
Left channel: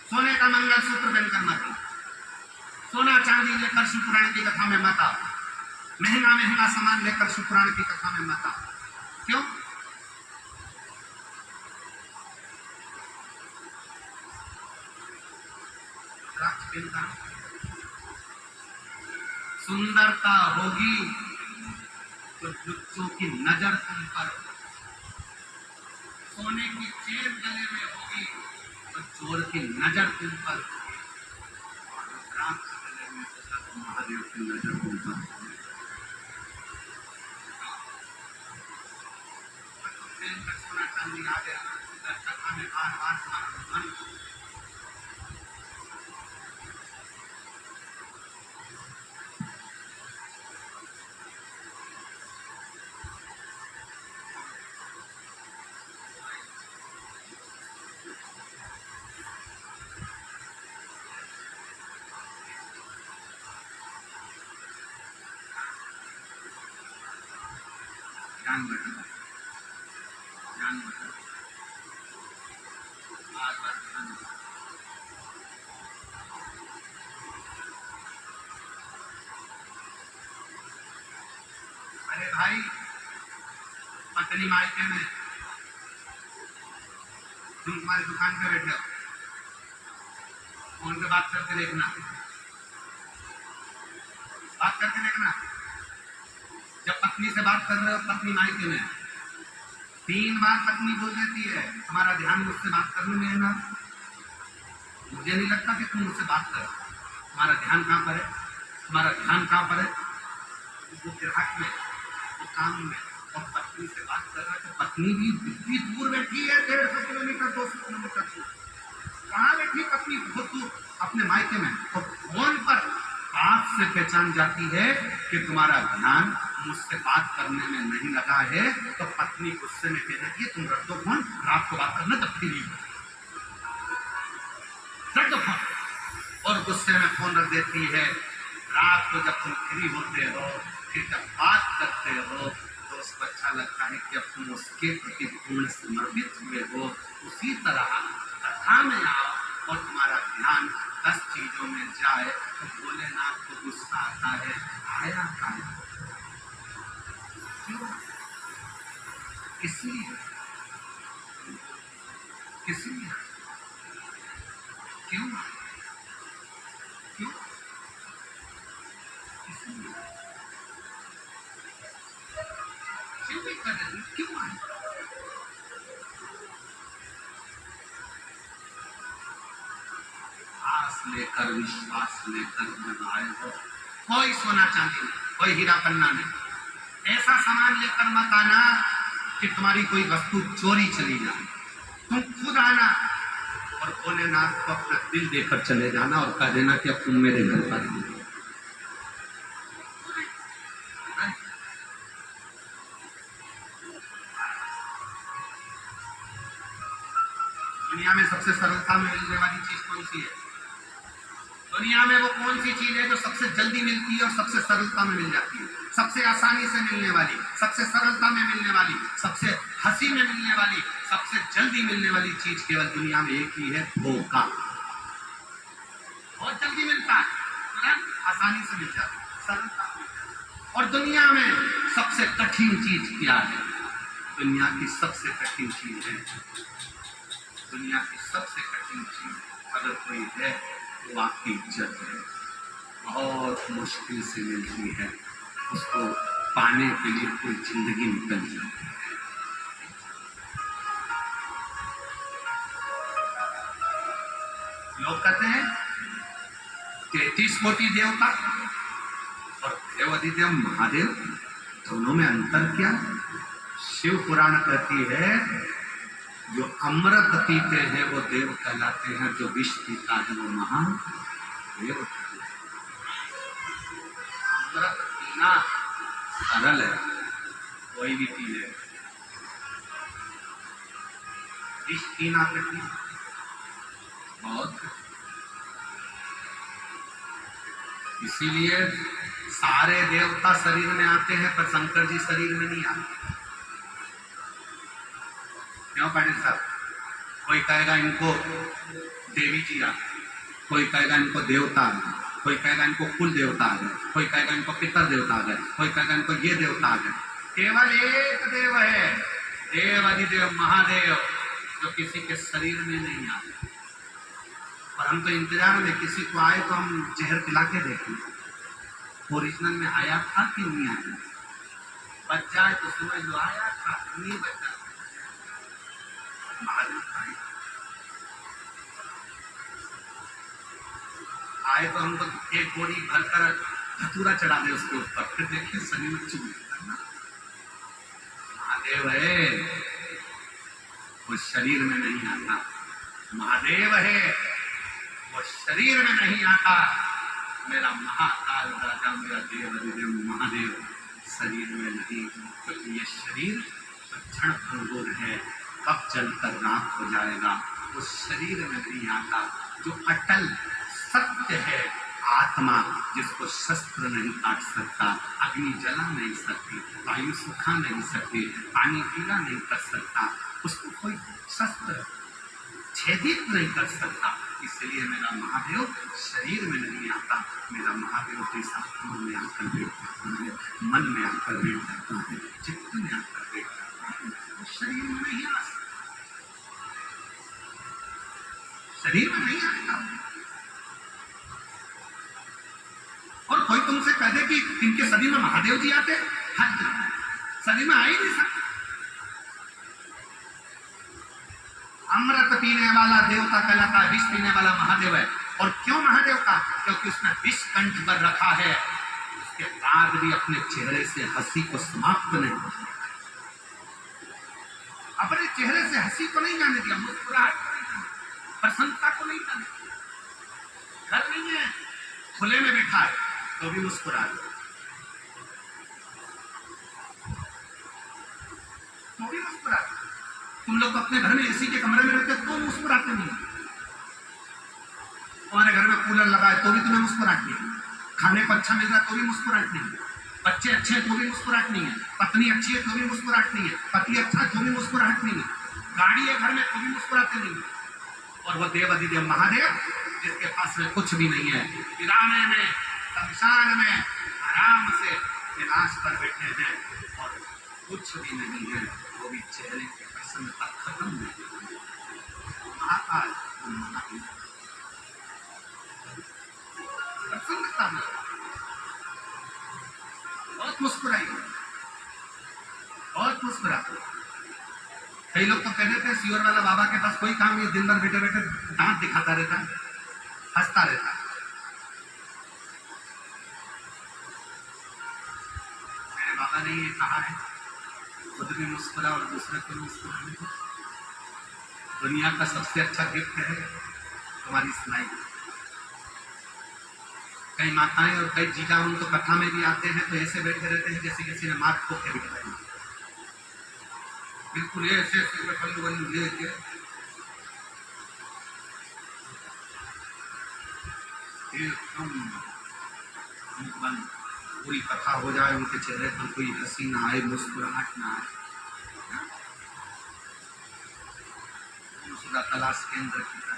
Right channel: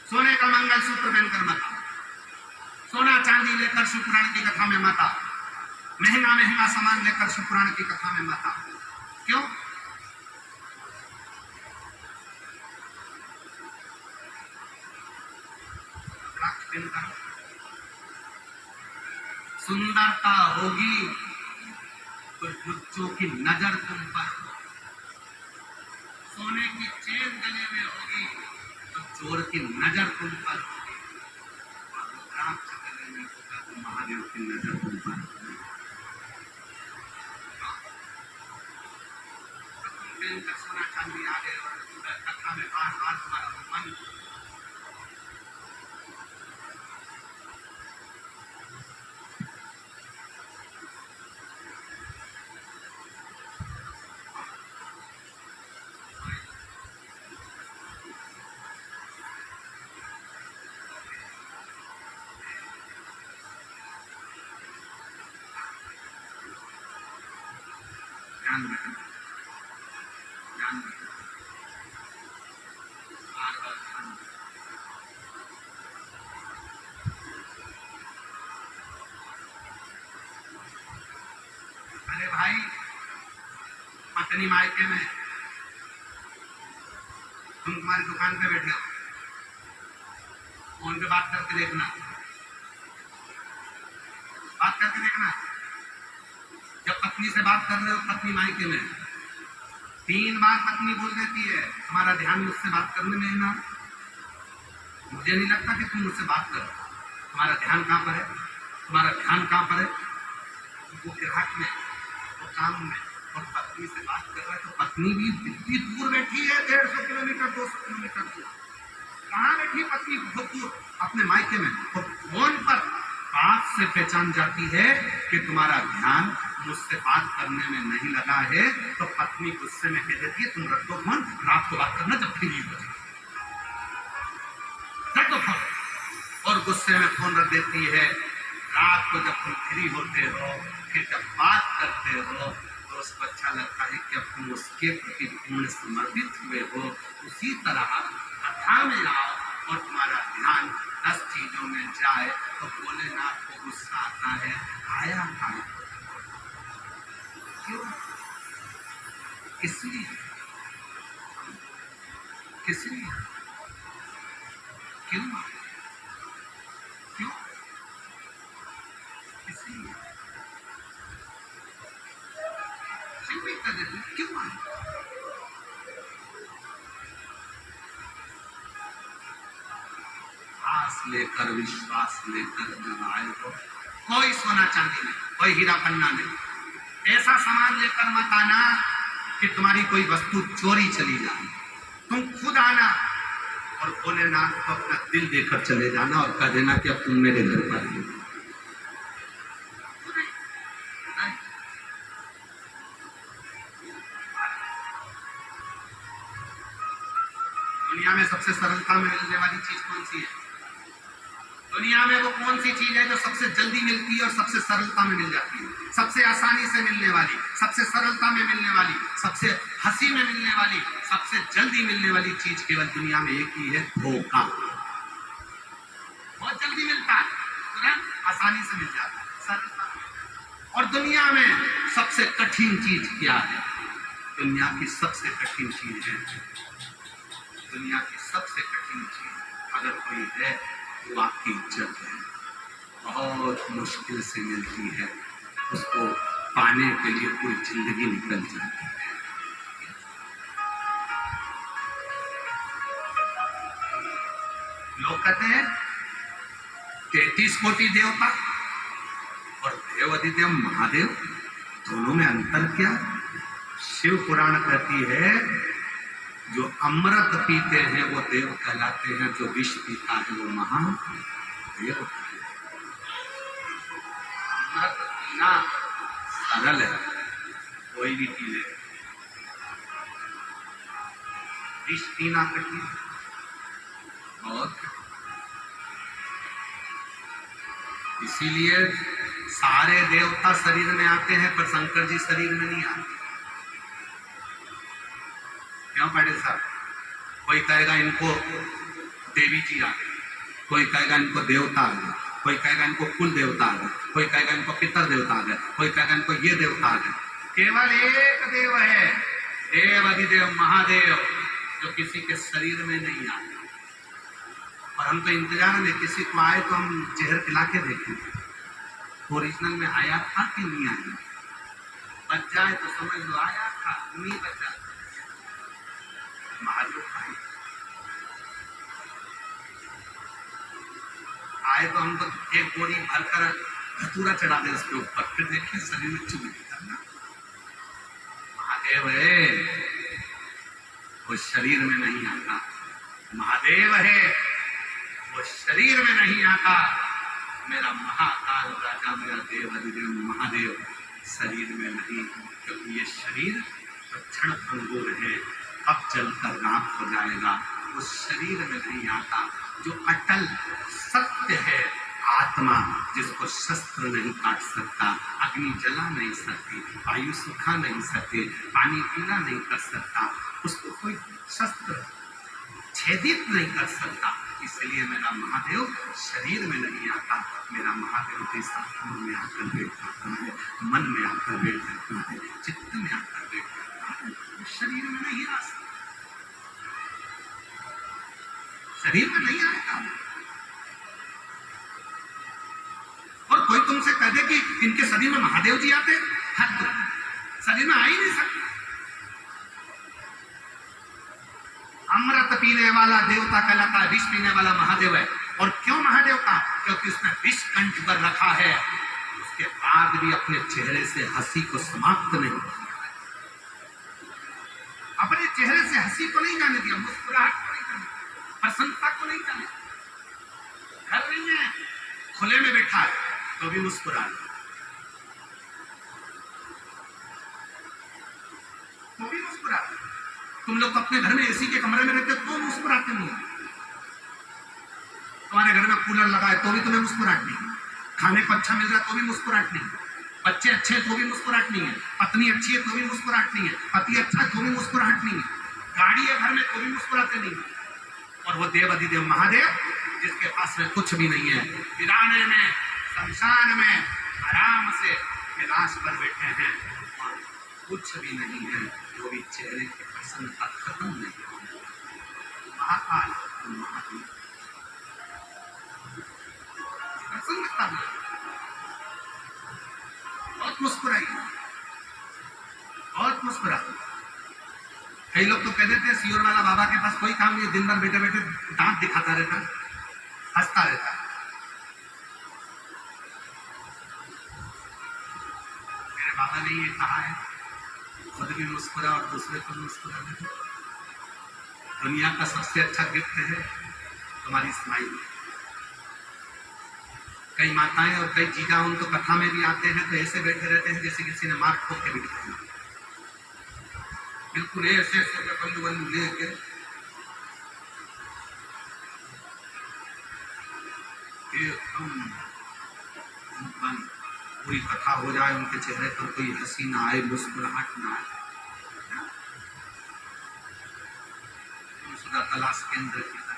सोने का मंगलसूत्र पहनकर मत आना, सोना चांदी लेकर शिवपुराण की कथा में मत आओ, महंगा महंगा सामान लेकर शिवपुराण की कथा में मत आओ। क्यों? सुंदरता होगी तो लुच्चों की नजर तुम पर हो, सोने की चेन गले में होगी तो चोर की नजर तुम पर होगी, और रुद्राक्ष गले में होगा तो महादेव की नजर तुम पर होगी। तुम पहनकर सोना चांदी आ गए और कथा में बार बार तुम्हारा मन ध्यान रखना, ध्यान रखना, बार बार ध्यान रखना। अरे भाई, पत्नी मायके में, तुम तुम्हारी दुकान पे बैठे हो, फोन पे बात करके देखना, बात करके देखना। जब पत्नी से बात कर रहे हो, पत्नी मायके में, 3 बार पत्नी बोल देती है तुम्हारा ध्यान मुझसे बात करने में है ना, मुझे नहीं लगता कि तुम मुझसे बात करो, तुम्हारा ध्यान कहां पर है, तुम्हारा ध्यान कहां पर है? वो ग्राहक में, वो काम में, और पत्नी से बात कर रहा है तो पत्नी भी इतनी दूर बैठी है, 150 किलोमीटर 200 किलोमीटर दूर। कहाँ बैठी पत्नी? बहुत दूर अपने मायके में, और फोन पर बात से पहचान जाती है कि तुम्हारा ध्यान मुझसे बात करने में नहीं लगा है, तो पत्नी गुस्से में कह देती है तुम रख दो फोन, रात को बात करना जब फ्री हो, रख दो फोन। और गुस्से में फोन रख देती है। रात को जब तुम फ्री होते हो, फिर जब बात करते हो तो उसको अच्छा लगता है कि अब तुम उसके प्रति पूर्ण समर्पित हुए हो। उसी तरह कथा में आओ और तुम्हारा ध्यान 10 चीजों में जाए तो भोलेनाथ को गुस्सा आता है, आया है क्यों? इसलिए, इसलिए क्यों? क्यों? इसलिए शिव भी कर देते क्यों आए? श्वास लेकर विश्वास लेकर जब आए हो, कोई सोना चांदी नहीं, कोई हीरा पन्ना नहीं, ऐसा सामान लेकर मत आना कि तुम्हारी कोई वस्तु चोरी चली जाए। तुम खुद आना और भोलेनाथ को अपना दिल देकर चले जाना और कह देना कि अब तुम मेरे घर पर हो। दुनिया में सबसे सरलता में मिलने वाली चीज कौन सी है? दुनिया में वो कौन सी चीज है जो सबसे जल्दी मिलती है और सबसे सरलता में मिल जाती है? सबसे आसानी से मिलने वाली, सबसे सरलता में मिलने वाली, सबसे हंसी में मिलने वाली, सबसे जल्दी मिलने वाली चीज केवल दुनिया में एक ही है, धोखा। बहुत जल्दी मिलता है, तुरंत आसानी से मिल जाता है, सरलता में। और दुनिया में सबसे कठिन चीज क्या है? दुनिया की सबसे कठिन चीज है, दुनिया की सबसे कठिन चीज अगर कोई है वो आपकी इज्जत है। बहुत मुश्किल से मिलती है, उसको पाने के लिए पूरी जिंदगी निकल जाती है। लोग कहते हैं 33 कोटि देवता और देव अधिदेव महादेव, दोनों में अंतर क्या? शिव पुराण कहती है जो अमृत पीते हैं वो देव कहलाते हैं, जो विष पीता है वो महादेव कहलाते हैं। अमृत पीना सरल है, कोई भी पी ले, विष पीना कठिन, बहुत कठिन। इसीलिए सारे देवता शरीर में आते हैं पर शंकर जी शरीर में नहीं आते। क्यों पाटिल साहब? कोई कहेगा इनको देवी जी आ गए, कोई कहेगा इनको देवता आ गए, कोई कहेगा इनको कुल देवता आ गए, कोई कहेगा इनको पितर देवता आ गए, कोई कहेगा इनको ये देवता आ गए। केवल एक देव है, देव अधिदेव महादेव, जो किसी के शरीर में नहीं आता। और हम तो इंतजार में किसी को आए तो हम जहर पिला के देखें ओरिजिनल में आया था कि नहीं आया। बच जाए तो समझ लो आया था, नहीं बचा महादेव आए। आए तो हमको एक बोरी भरकर धतूरा चढ़ा दे उसके ऊपर, फिर देखिए शरीर में चुभ करना। महादेव है, वो शरीर में नहीं आता। महादेव है, वो शरीर में नहीं आता। मेरा महाकाल राजा, मेरा देव अधिदेव महादेव शरीर में नहीं, क्योंकि ये शरीर तो क्षण भंगुर है, कब जलकर राख हो जाएगा। उस शरीर में नहीं आता जो अटल सत्य है, आत्मा, जिसको शस्त्र नहीं काट सकता, अग्नि जला नहीं सकती, वायु सुखा नहीं सकती, पानी पीला नहीं कर सकता, उसको कोई शस्त्र छेदित नहीं कर सकता। इसलिए मेरा महादेव शरीर में नहीं आता। मेरा महादेव इस आत्मा में आकर बैठ जाता है, मन में आकर बैठ जाता है, चित्त में आकर बैठ जाता है, वो शरीर में नहीं आ सकता, शरीर में नहीं आता। और कोई तुमसे कह दे कि इनके शरीर में महादेव जी आते, शरीर में आ ही नहीं सकते। अमृत पीने वाला देवता कहलाता है, विष पीने वाला महादेव है। और क्यों महादेव का? क्योंकि उसने विष कंठ पर रखा है, उसके बाद भी अपने चेहरे से हंसी को समाप्त नहीं किया, अपने चेहरे से हंसी को नहीं जाने दिया, मुस्कुराहट को नहीं जाने, प्रसन्नता को नहीं जाने। घर नहीं है, खुले में बैठा है तो भी मुस्कुरा रहे, तो भी मुस्कुरा रहे। तुम लोग अपने घर में एसी के कमरे में रहते हो तो मुस्कुराते नहीं, तुम्हारे घर में कूलर लगा है तो भी तुम्हें मुस्कुराहट नहीं, खाने को अच्छा मिल रहा है तो भी मुस्कुराहट नहीं, बच्चे अच्छे हैं तो भी मुस्कुराहट नहीं है, पत्नी अच्छी है तो भी मुस्कुराहट नहीं है, पति अच्छा है तो भी मुस्कुराहट नहीं है, गाड़ी है घर में तो भी मुस्कुराते नहीं। और वो देव अधिदेव महादेव जिसके पास में कुछ भी नहीं है, वीराने में शमशान में आराम से कैलाश पर बैठे हैं और कुछ भी नहीं है, वो भी चेहरे की प्रसन्नता खत्म नहीं होगी। महाकाल महादेव प्रसन्नता में बहुत मुस्कुराई, बहुत मुस्कुरा। कई लोग तो कहते थे सियोर वाला बाबा के पास कोई काम नहीं, दिन भर बैठे बैठे दांत दिखाता रहता है, हंसता रहता है। मेरे बाबा ने ये कहा है, खुद भी मुस्कुरा और दूसरे को मुस्कुराने दो। दुनिया का सबसे अच्छा गिफ्ट है तुम्हारी स्माइल। कई माताएं और कई जीजा उनको कथा में भी आते हैं तो ऐसे बैठे रहते हैं जैसे किसी ने मार ठोक के बिठाया, बिल्कुल ऐसे ऐसे बंदू बंदू लेके एकदम बंद। पूरी कथा हो जाए, उनके चेहरे पर कोई हंसी ना आए, मुस्कुराहट ना आए, सुधा तलाश केंद्र की तरह।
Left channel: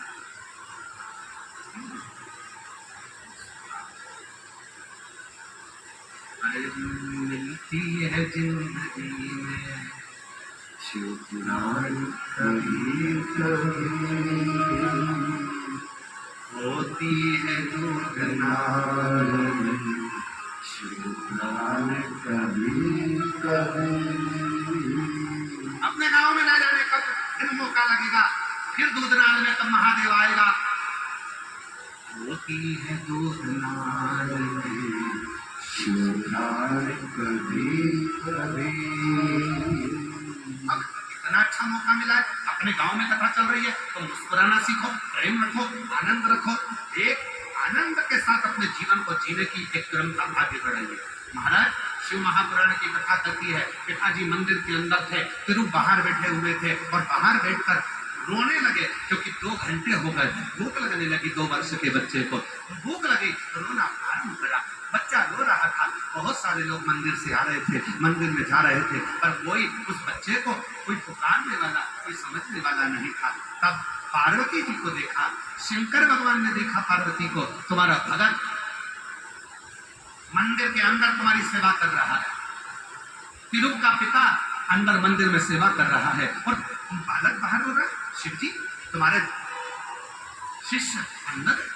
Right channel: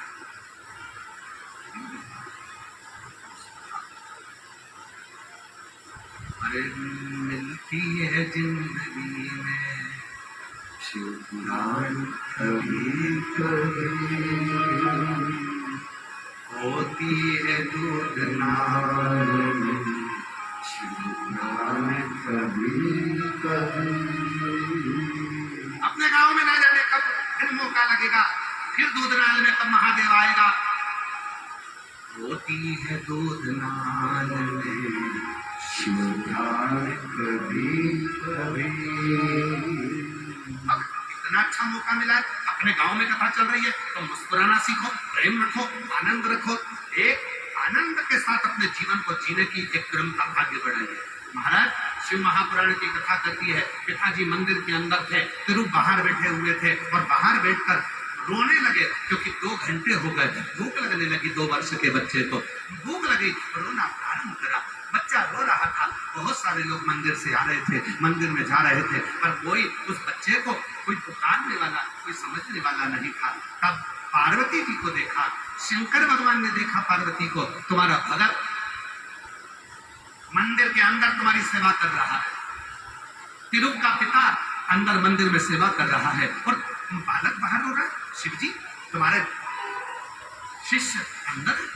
अरे मिलती है जिंदगी में शिव पुराण कभी कभी, होती है दूध नाल में शिव पुराण कभी कभी। अपने गांव में ना जाने कब फिर मौका लगेगा, फिर दूध नाल में कब महादेव आएगा। होती है दूध नाल में शिव पुराण कभी कभी। अब इतना अच्छा मौका मिला है, अपने गांव में कथा चल रही है तो मुस्कुराना सीखो, प्रेम रखो, आनंद रखो। एक आनंद के साथ अपने जीवन को जीने की एक क्रम का आगे बढ़ाइए। महाराज शिव महापुराण की कथा करती है, पिताजी मंदिर के अंदर थे, तिरु बाहर बैठे हुए थे और बाहर बैठकर रोने लगे क्योंकि 2 घंटे हो गए, भूख लगने लगी। 2 वर्ष के बच्चे को भूख लगी, रोना प्रारंभ करा। बच्चा रो रहा था, बहुत सारे लोग मंदिर से आ रहे थे, मंदिर में जा रहे थे, पर कोई उस बच्चे को कोई पुकारने वाला, कोई समझने वाला नहीं था। तब पार्वती जी को देखा, शंकर भगवान ने देखा पार्वती को, तुम्हारा भगत मंदिर के अंदर तुम्हारी सेवा कर रहा है, तिरु का पिता अंदर मंदिर में सेवा कर रहा है और बालक बाहर हो रहा है। शिव जी तुम्हारे शिष्य अंदर है।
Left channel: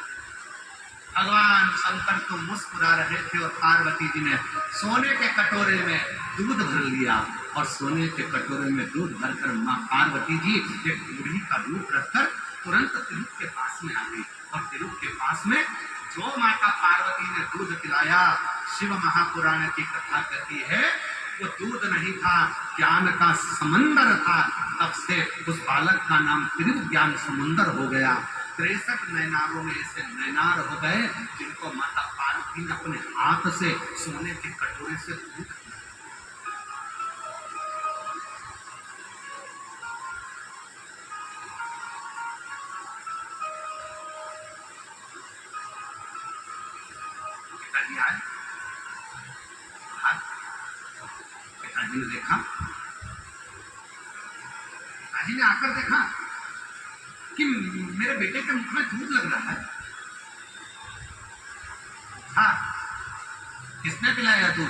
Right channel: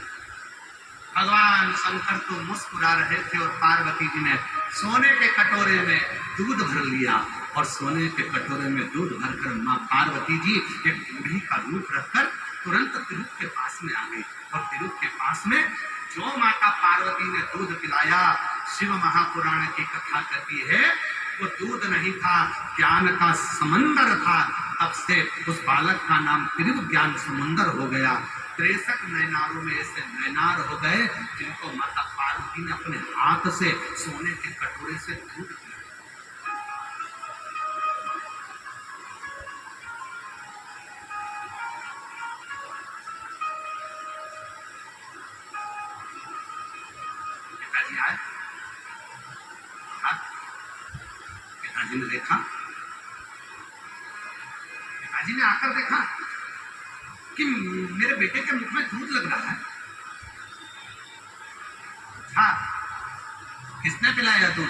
भगवान शंकर तो मुस्कुरा रहे थे और पार्वती जी ने सोने के कटोरे में दूध भर लिया और सोने के कटोरे में दूध भरकर माँ पार्वती जी एक बूढ़ी का रूप रखकर तुरंत तिरुप के पास में आ गई। और तिरुप के पास में जो माता पार्वती ने दूध पिलाया, शिव महापुराण की कथा कहती है, वो दूध नहीं था, ज्ञान का समंदर था। तब से उस बालक का नाम त्रिव ज्ञान समुंदर हो गया। 63 नैनारों में ऐसे नैनार हो गए जिनको माता पार्वती ने अपने हाथ से सोने के कटोरे से दूध पिलाया। पिताजी आए, पिताजी ने देखा, पिताजी ने आकर देखा कि मेरे बेटे के मुख में दूध लग रहा है। हाँ, किसने पिलाया दूध?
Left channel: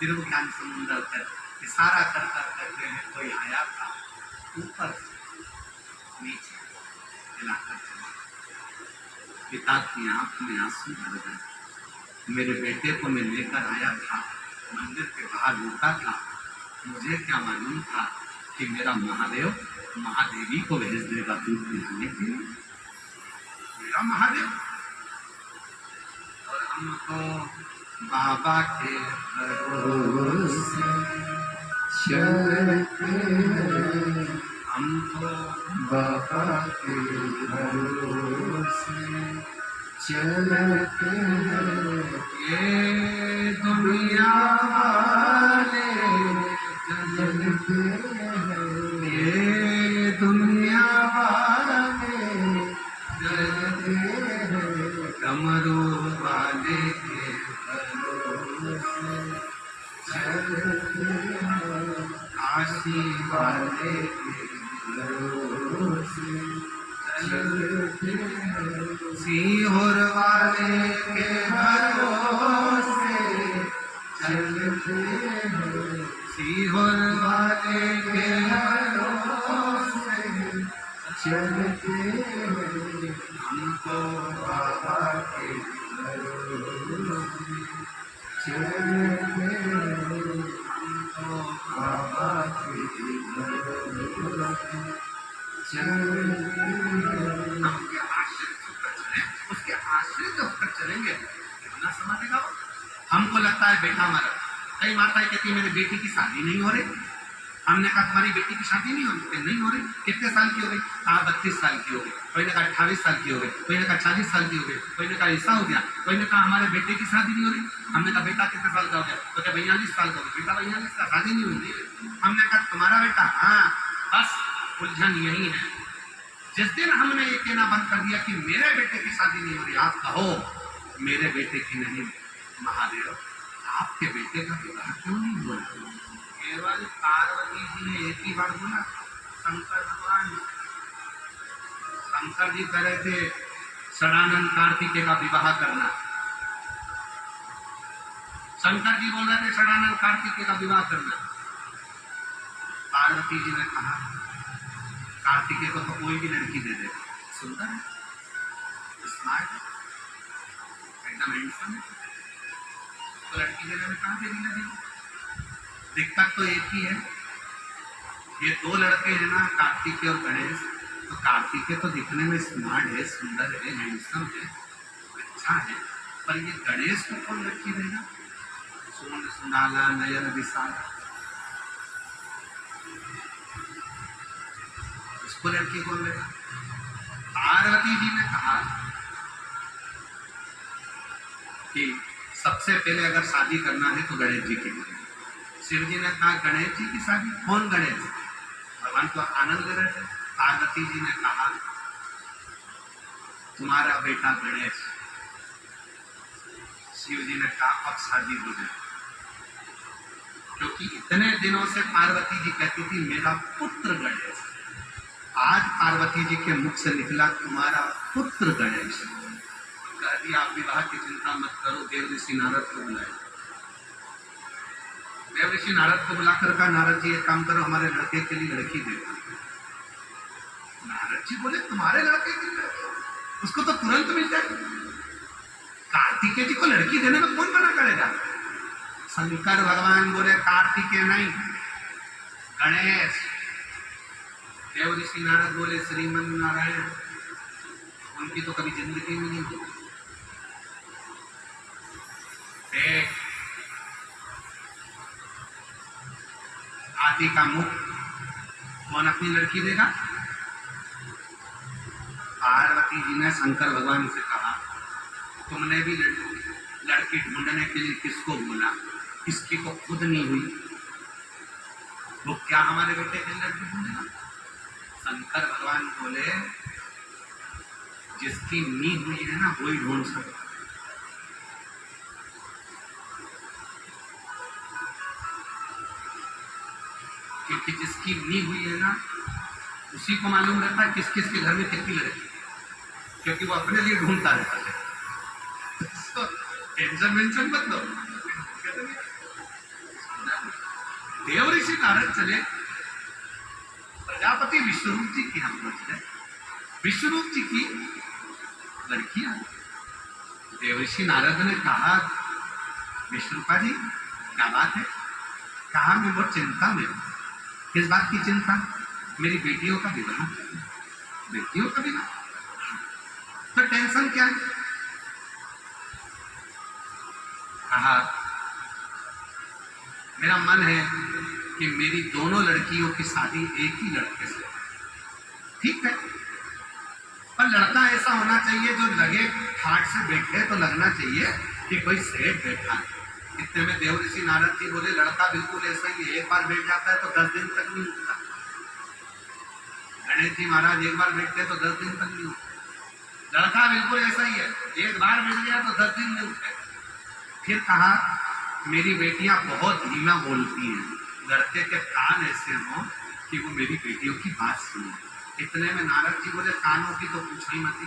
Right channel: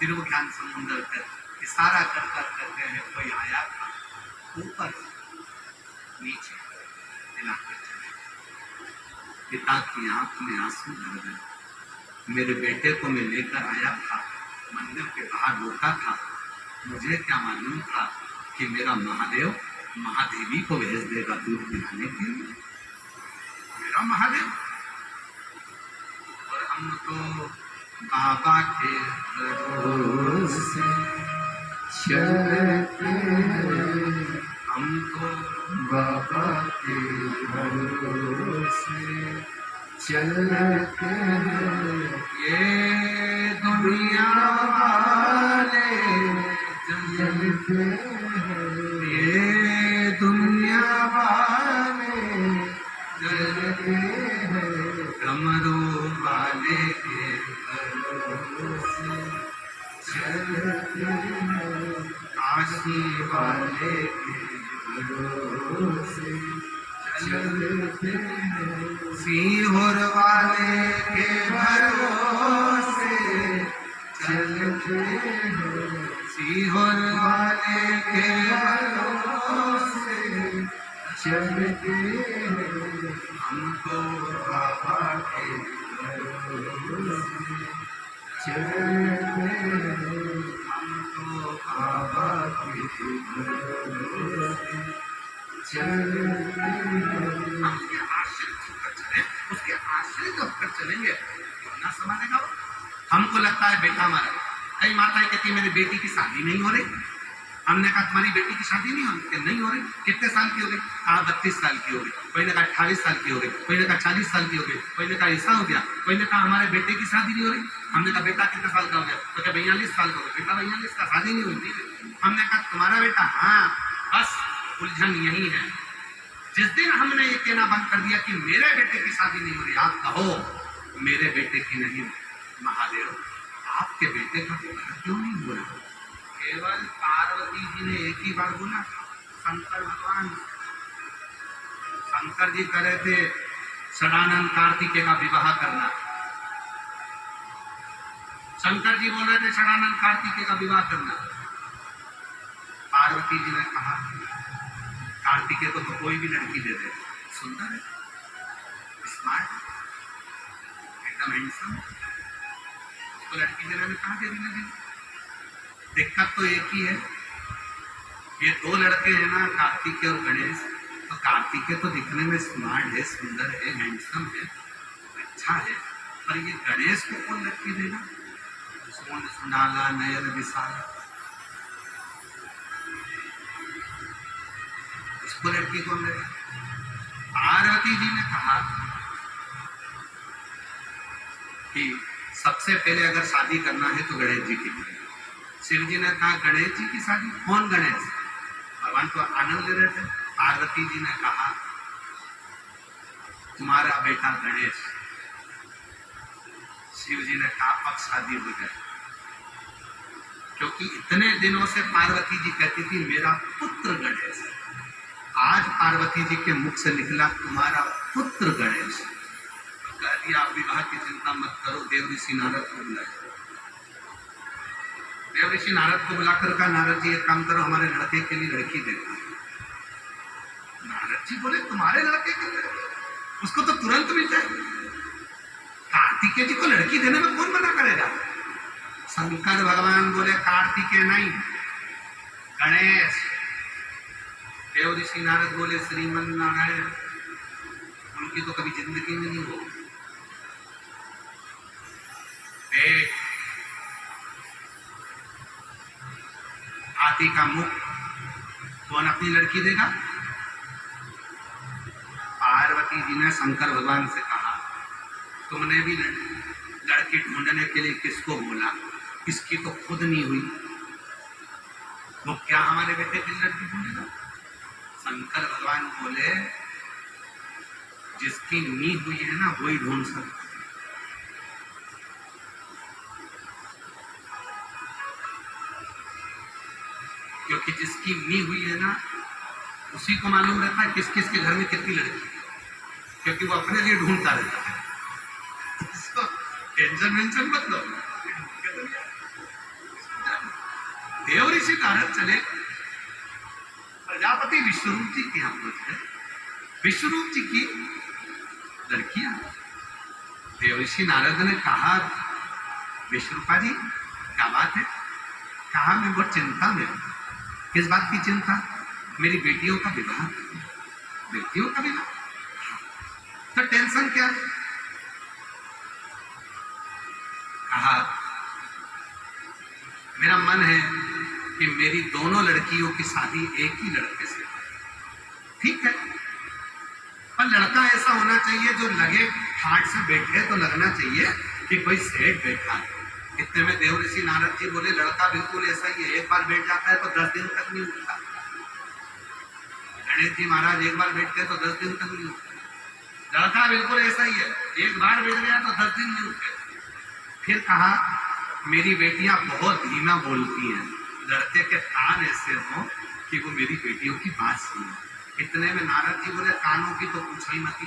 तिरु ज्ञान समुंदर पर इशारा कर कर करते हैं कोई आया था, ऊपर नीचे पिलाकर चले। पिता की आंख में आंसू भर गए। मेरे बेटे को मैं लेकर आया था, मंदिर के बाहर रोका था, मुझे क्या मालूम था कि मेरा महादेव महादेवी को भेज देगा दूध पिलाने के लिए। मेरा महादेव। और हम तो बाबा के भरोसे चलते हैं, हम तो बाबा के भरोसे चलते हैं। ये दुनिया वाले चलते हैं, ये दुनिया वाले चलते हैं, डमरू वाले के भरोसे चलते हैं, काशी वाले वाले के भरोसे चलते हैं, सीहोर वाले के भरोसे चलते हैं, सीहोर वाले के भरोसे चलते हैं, हमको बाबा के भरोसे चलते हैं, हमको बाबा के भरोसे चलते होकर चलेंगे, क्यों ना संभालेगा वो। हमको लगता है बेटा हमारा, कई माताएं कहती है मेरी बेटी की शादी नहीं हो रही। हमने कहा तुम्हारी बेटी की शादी नहीं हो रही? कि नहीं हो रही। कितने साल की हो गई? कहा 32 साल की हो गई। कोई ने कहा 28 साल की हो गई, कोई ने कहा 40 साल की हो गई, कोई ने कहा ऐसा हो गया, कोई ने कहा हमारे बेटे की शादी नहीं हो रही। हमने कहा बेटा कितने साल का हो गया? तो क्या 42 साल का हो गया। बेटा 42 का, शादी नहीं हुई। हमने कहा तुम्हारा बेटा? हाँ। बस उलझन यही है। जिस दिन हमने ये कहना बंद कर दिया कि मेरे बेटे की शादी नहीं हो रही, आप कहो मेरे बेटे की नहीं, महादेव आपके बेटे का विवाह क्यों नहीं हुआ? केवल पार्वती जी ने एक ही बार बोला, शंकर भगवान, शंकर जी कह रहे थे षडानंद कार्तिकेय का विवाह करना। शंकर जी बोल रहे थे षडानंद कार्तिकेय का विवाह करना। पार्वती जी ने कहा कार्तिकेय को तो कोई भी लड़की दे दे, सुंदर है, स्मार्ट, एकदम हैंडसम, तो लड़की देने में कहाँ देरी लगेगी? दिक्कत तो एक ही है, ये दो लड़के हैं ना, कार्तिकेय और गणेश। तो कार्तिकेय तो दिखने में स्मार्ट है, सुंदर है, हैंडसम है, अच्छा है, पर ये गणेश को कौन लड़की देगा? सोन सुनाला नयन विशाला, इसको लड़की कौन देगा? पार्वती जी ने कहा कि सबसे पहले अगर शादी करना है तो गणेश जी की करें। शिव जी ने कहा गणेश जी की शादी? कौन गणेश? भगवान तो आनंद ले रहे थे। पार्वती जी ने कहा तुम्हारा बेटा गणेश। शिव जी ने कहा अब शादी हो जाए, क्योंकि इतने दिनों से पार्वती जी कहती थी मेरा पुत्र गणेश। आज पार्वती जी के मुख से निकला तुम्हारा पुत्र गणेश। तो कह दिया आप विवाह की चिंता मत करो, देव ऋषि नारद को बुलाए। देव ऋषि नारद को बुलाकर कहा नारद जी एक काम करो, हमारे लड़के के लिए लड़की दे दो। नारद जी बोले तुम्हारे लड़के के लिए लड़की? उसको तो तुरंत मिल जाए। कार्तिकेय जी को लड़की देने में कौन मना करेगा? शंकर भगवान बोले कार्तिकेय नहीं, गणेश। देव ऋषि नारद बोले श्रीमन नारायण, उनकी तो कभी जिंदगी में नहीं होगी। हाथी का मुख कौन अपनी लड़की देगा? पार्वती जी ने शंकर भगवान से कहा तुमने भी लड़की ढूंढने के लिए किसको बोला? किसकी तो खुद नहीं हुई, वो क्या हमारे बेटे के लिए लड़की ढूंढेगा? शंकर भगवान बोले जिसकी नी हुई है ना वही ढूंढ सकता। क्योंकि जिसकी नी हुई है ना उसी को मालूम रहता है किस किस के घर में कितनी लड़की है, क्योंकि वो अपने लिए ढूंढता रहता है। टेंशन वेंशन मत लो। देव ऋषि नारद चले प्रजापति विश्वरूप जी की हम पहुंच गए। विश्वरूप जी की लड़कियां। देव ऋषि नारद ने कहा विश्वरूपा जी क्या बात है? कहा मैं बहुत चिंता में हूं। किस बात की चिंता? मेरी बेटियों का विवाह। बेटियों का विवाह तो टेंशन क्या है? कहा मेरा मन है कि मेरी दोनों लड़कियों की शादी एक ही लड़के से। ठीक है, पर लड़का ऐसा होना चाहिए जो लगे ठाट से बैठे तो लगना चाहिए कि कोई सेठ बैठा है। इतने में देव ऋषि नारद जी बोले लड़का बिल्कुल ऐसा ही है, एक बार बैठ जाता है तो 10 दिन तक नहीं उठता। गणेश जी महाराज एक बार बैठते तो 10 दिन तक नहीं उठते। लड़का बिल्कुल ऐसा ही है, एक बार बैठ गया तो 10 दिन नहीं उठते। फिर कहा मेरी बेटियां बहुत धीमा बोलती हैं, लड़के के कान ऐसे हों कि वो मेरी बेटियों की बात सुने। इतने में नारद जी बोले कानों की तो पूछो ही मत।